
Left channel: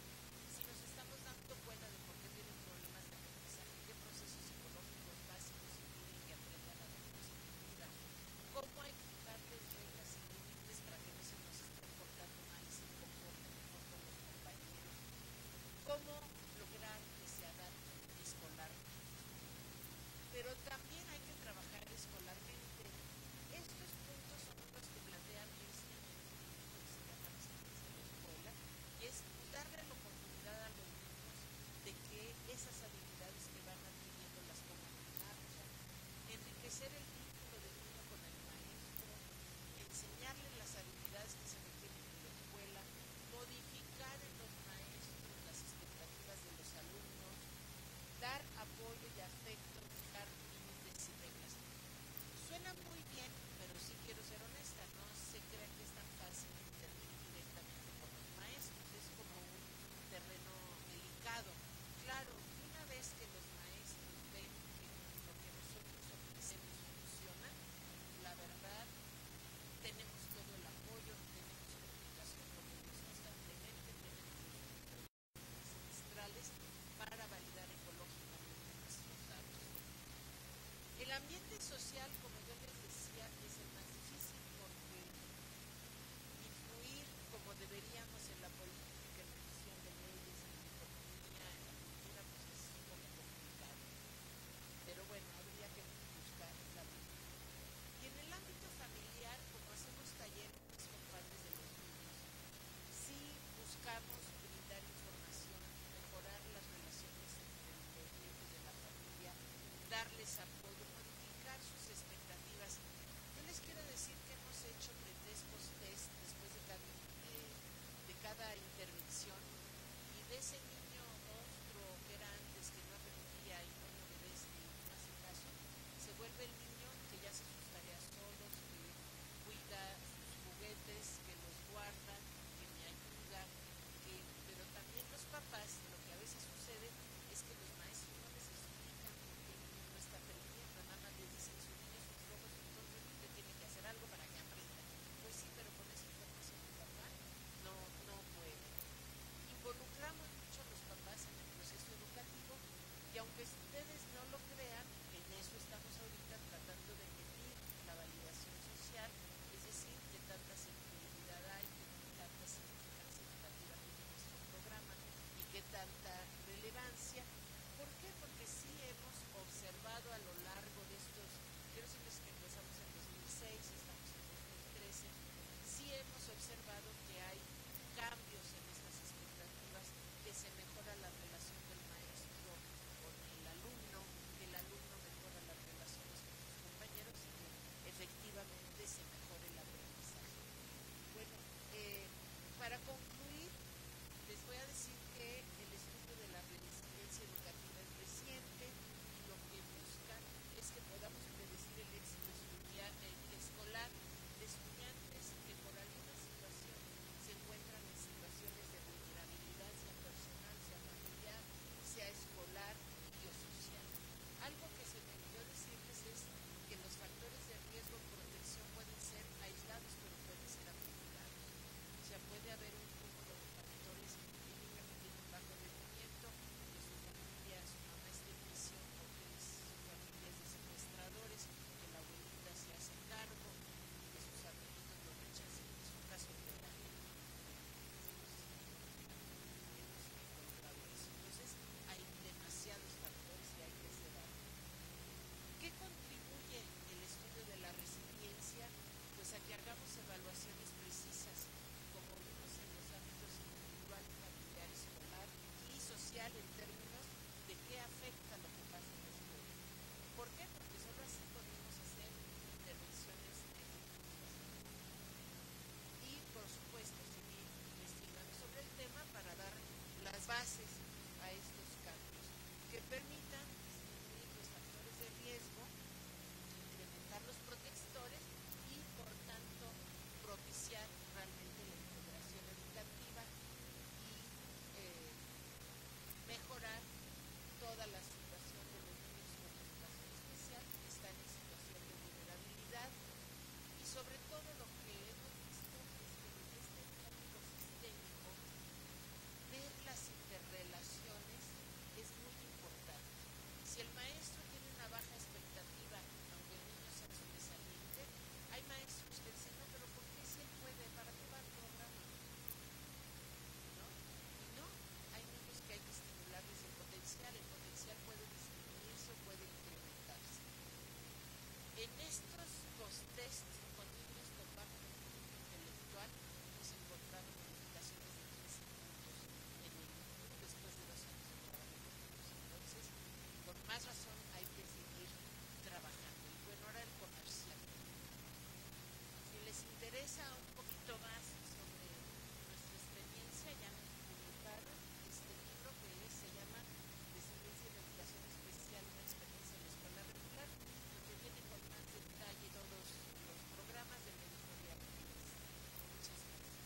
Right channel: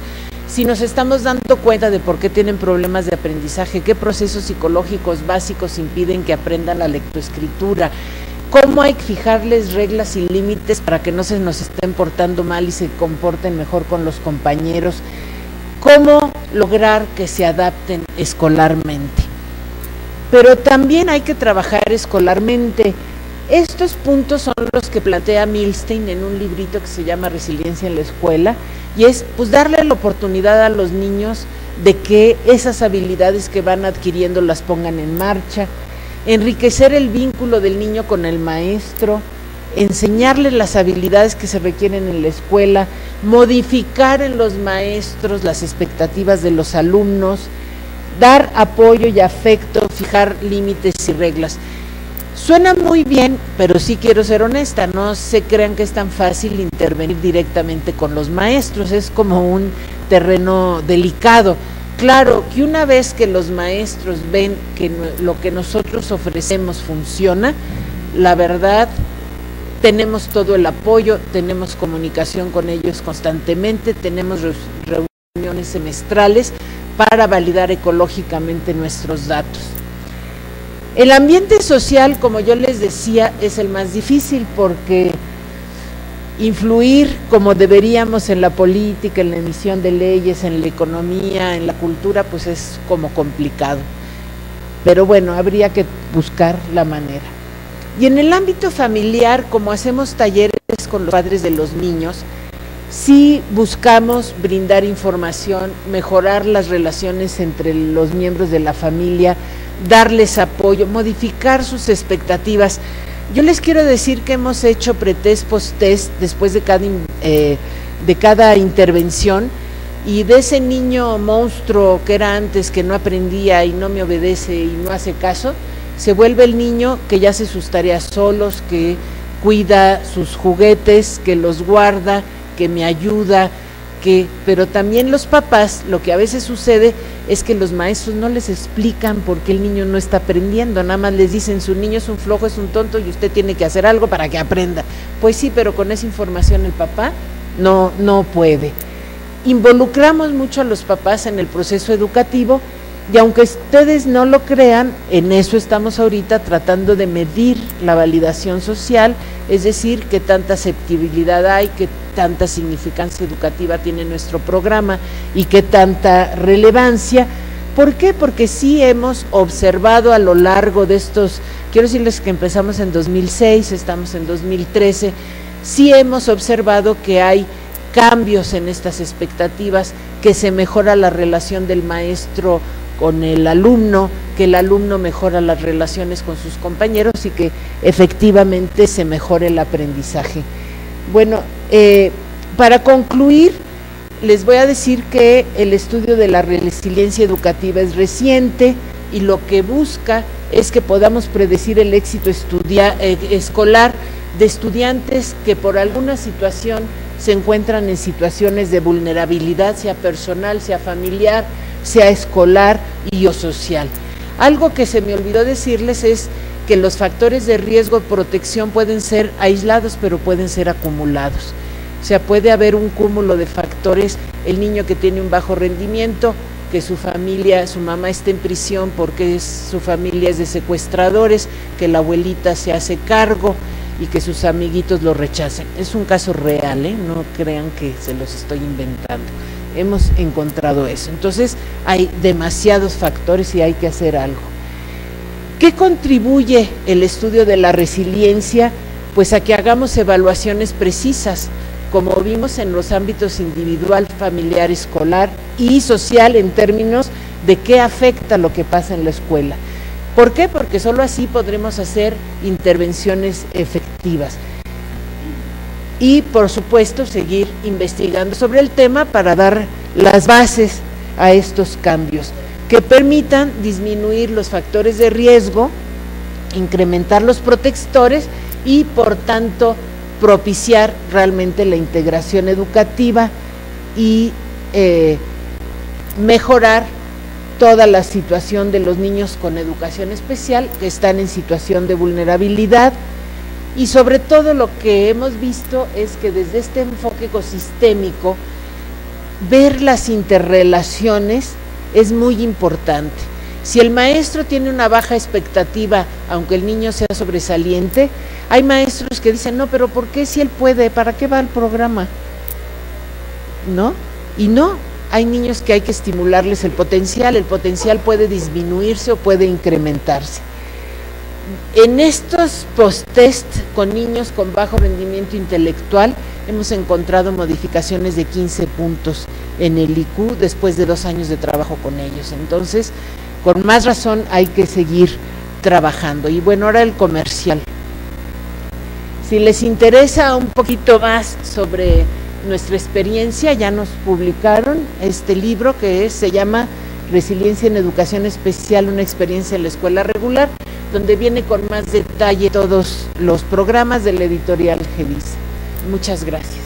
Si nos estamos dando cuenta de por qué tienen problemas de aprendizaje, qué procesos psicológicos básicos impiden que aprendan la lectoescritura, cómo hay que fijarles reglas y límites para que no se nos estén portando mal y se comporten mejor con los compañeros, cómo lograr que se adapten escolarmente. Pero también hay que trabajar escolarmente. Estos puntos son los que plantea Milstein en un librito que se llama Resiliencia en la Escuela, y es pues darle la oportunidad a los niños de que esas habilidades que van adquiriendo las pongan en marcha, enriquecer el vínculo del niño con el maestro, enseñarle las habilidades que se requieren en la escuela, modificar en los maestros las expectativas de los alumnos, dar apoyo y afecto, fijar límites y reglas. Suena muy bien, pero sí quiero ser honesta, no se crean que es tan fácil intervenir directamente con los maestros, es como un terreno delicado. Claro que una vez que los maestros ven que lo que nosotros ofrecemos funciona, la verdad tenemos todo el apoyo, tenemos comunicación con ellos constantemente, tenemos reuniones semestrales para validar ecológicamente nuestros datos. El ambiente social, como yo les decía, es el más difícil porque influir como deberíamos en la política, en la emisión de leyes, en la economía, en la cultura, pues es como complicado. Pero bueno, habría que buscar la manera. Y en el ámbito familiar, como hacemos talleres con los padres de los niños, sí buscamos brindar información, mejorar las relaciones entre los miembros de la familia, darles apoyo, modificar sus expectativas. Yo les quiero decir que hemos hecho pretest, post-test después de cada intervención, y de ese niño monstruo que era antes, que no aprendía y no me obedece y no hace caso, se vuelve el niño que ya hace sus tareas solos, que cuida sus juguetes, que los guarda, que me ayuda, pero también los papás, lo que a veces sucede es que los maestros no les explican por qué el niño no está aprendiendo, nada más les dicen, su niño es un flojo, es un tonto y usted tiene que hacer algo para que aprenda. Pues sí, pero con esa información el papá no puede. Involucramos mucho a los papás en el proceso educativo, y aunque ustedes no lo crean, en eso estamos ahorita tratando de medir la validación social, es decir, qué tanta aceptabilidad hay, qué tanta significancia educativa tiene nuestro programa y qué tanta relevancia. ¿Por qué? Porque sí hemos observado a lo largo de estos, quiero decirles que empezamos en 2006, estamos en 2013, sí hemos observado que hay cambios en estas expectativas, que se mejora la relación del maestro con el alumno, que el alumno mejora las relaciones con sus compañeros y que efectivamente se mejore el aprendizaje. Bueno, para concluir, les voy a decir que el estudio de la resiliencia educativa es reciente y lo que busca es que podamos predecir el éxito escolar de estudiantes que por alguna situación se encuentran en situaciones de vulnerabilidad, sea personal, sea familiar, sea escolar y o social. Algo que se me olvidó decirles es que los factores de riesgo de protección pueden ser aislados, pero pueden ser acumulados. O sea, puede haber un cúmulo de factores, el niño que tiene un bajo rendimiento, que su familia, su mamá está en prisión porque su familia es de secuestradores, que la abuelita se hace cargo y que sus amiguitos lo rechacen. Es un caso real, no crean que se los estoy inventando. Hemos encontrado eso. Entonces hay demasiados factores y hay que hacer algo. ¿Qué contribuye el estudio de la resiliencia? Pues a que hagamos evaluaciones precisas, como vimos en los ámbitos individual, familiar, escolar y social, en términos de qué afecta lo que pasa en la escuela. ¿Por qué? Porque solo así podremos hacer intervenciones efectivas. Y, por supuesto, seguir investigando sobre el tema para dar las bases a estos cambios que permitan disminuir los factores de riesgo, incrementar los protectores y, por tanto, propiciar realmente la integración educativa y mejorar toda la situación de los niños con educación especial que están en situación de vulnerabilidad. Y sobre todo lo que hemos visto es que desde este enfoque ecosistémico, ver las interrelaciones es muy importante. Si el maestro tiene una baja expectativa, aunque el niño sea sobresaliente, hay maestros que dicen, no, pero ¿por qué si él puede? ¿Para qué va el programa? ¿No? Y no, hay niños que hay que estimularles el potencial puede disminuirse o puede incrementarse. En estos post-test con niños con bajo rendimiento intelectual hemos encontrado modificaciones de 15 puntos en el IQ después de 2 años de trabajo con ellos. Entonces, con más razón hay que seguir trabajando. Y bueno, ahora el comercial. Si les interesa un poquito más sobre nuestra experiencia, ya nos publicaron este libro que se llama Resiliencia en Educación Especial, una experiencia en la escuela regular, donde viene con más detalle todos los programas de la editorial Gedisa. Muchas gracias.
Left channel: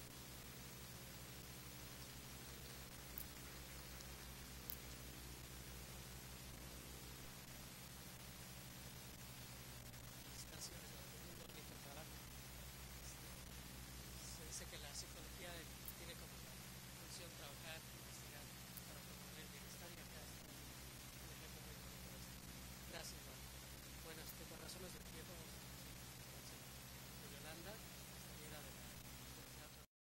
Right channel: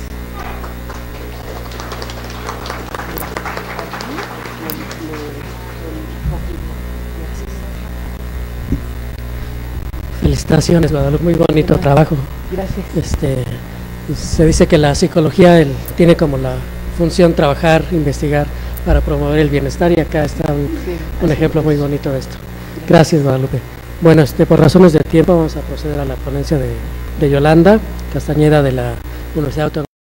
Felicitaciones, Guadalupe, muy bonito trabajo. Gracias. Se dice que la psicología tiene como la función trabajar, investigar para promover el bienestar, y acá está un ejemplo muy bonito de esto. Gracias, Guadalupe. Bueno, por razones de tiempo vamos a proceder a la ponencia de Yolanda Castañeda de la Universidad Autónoma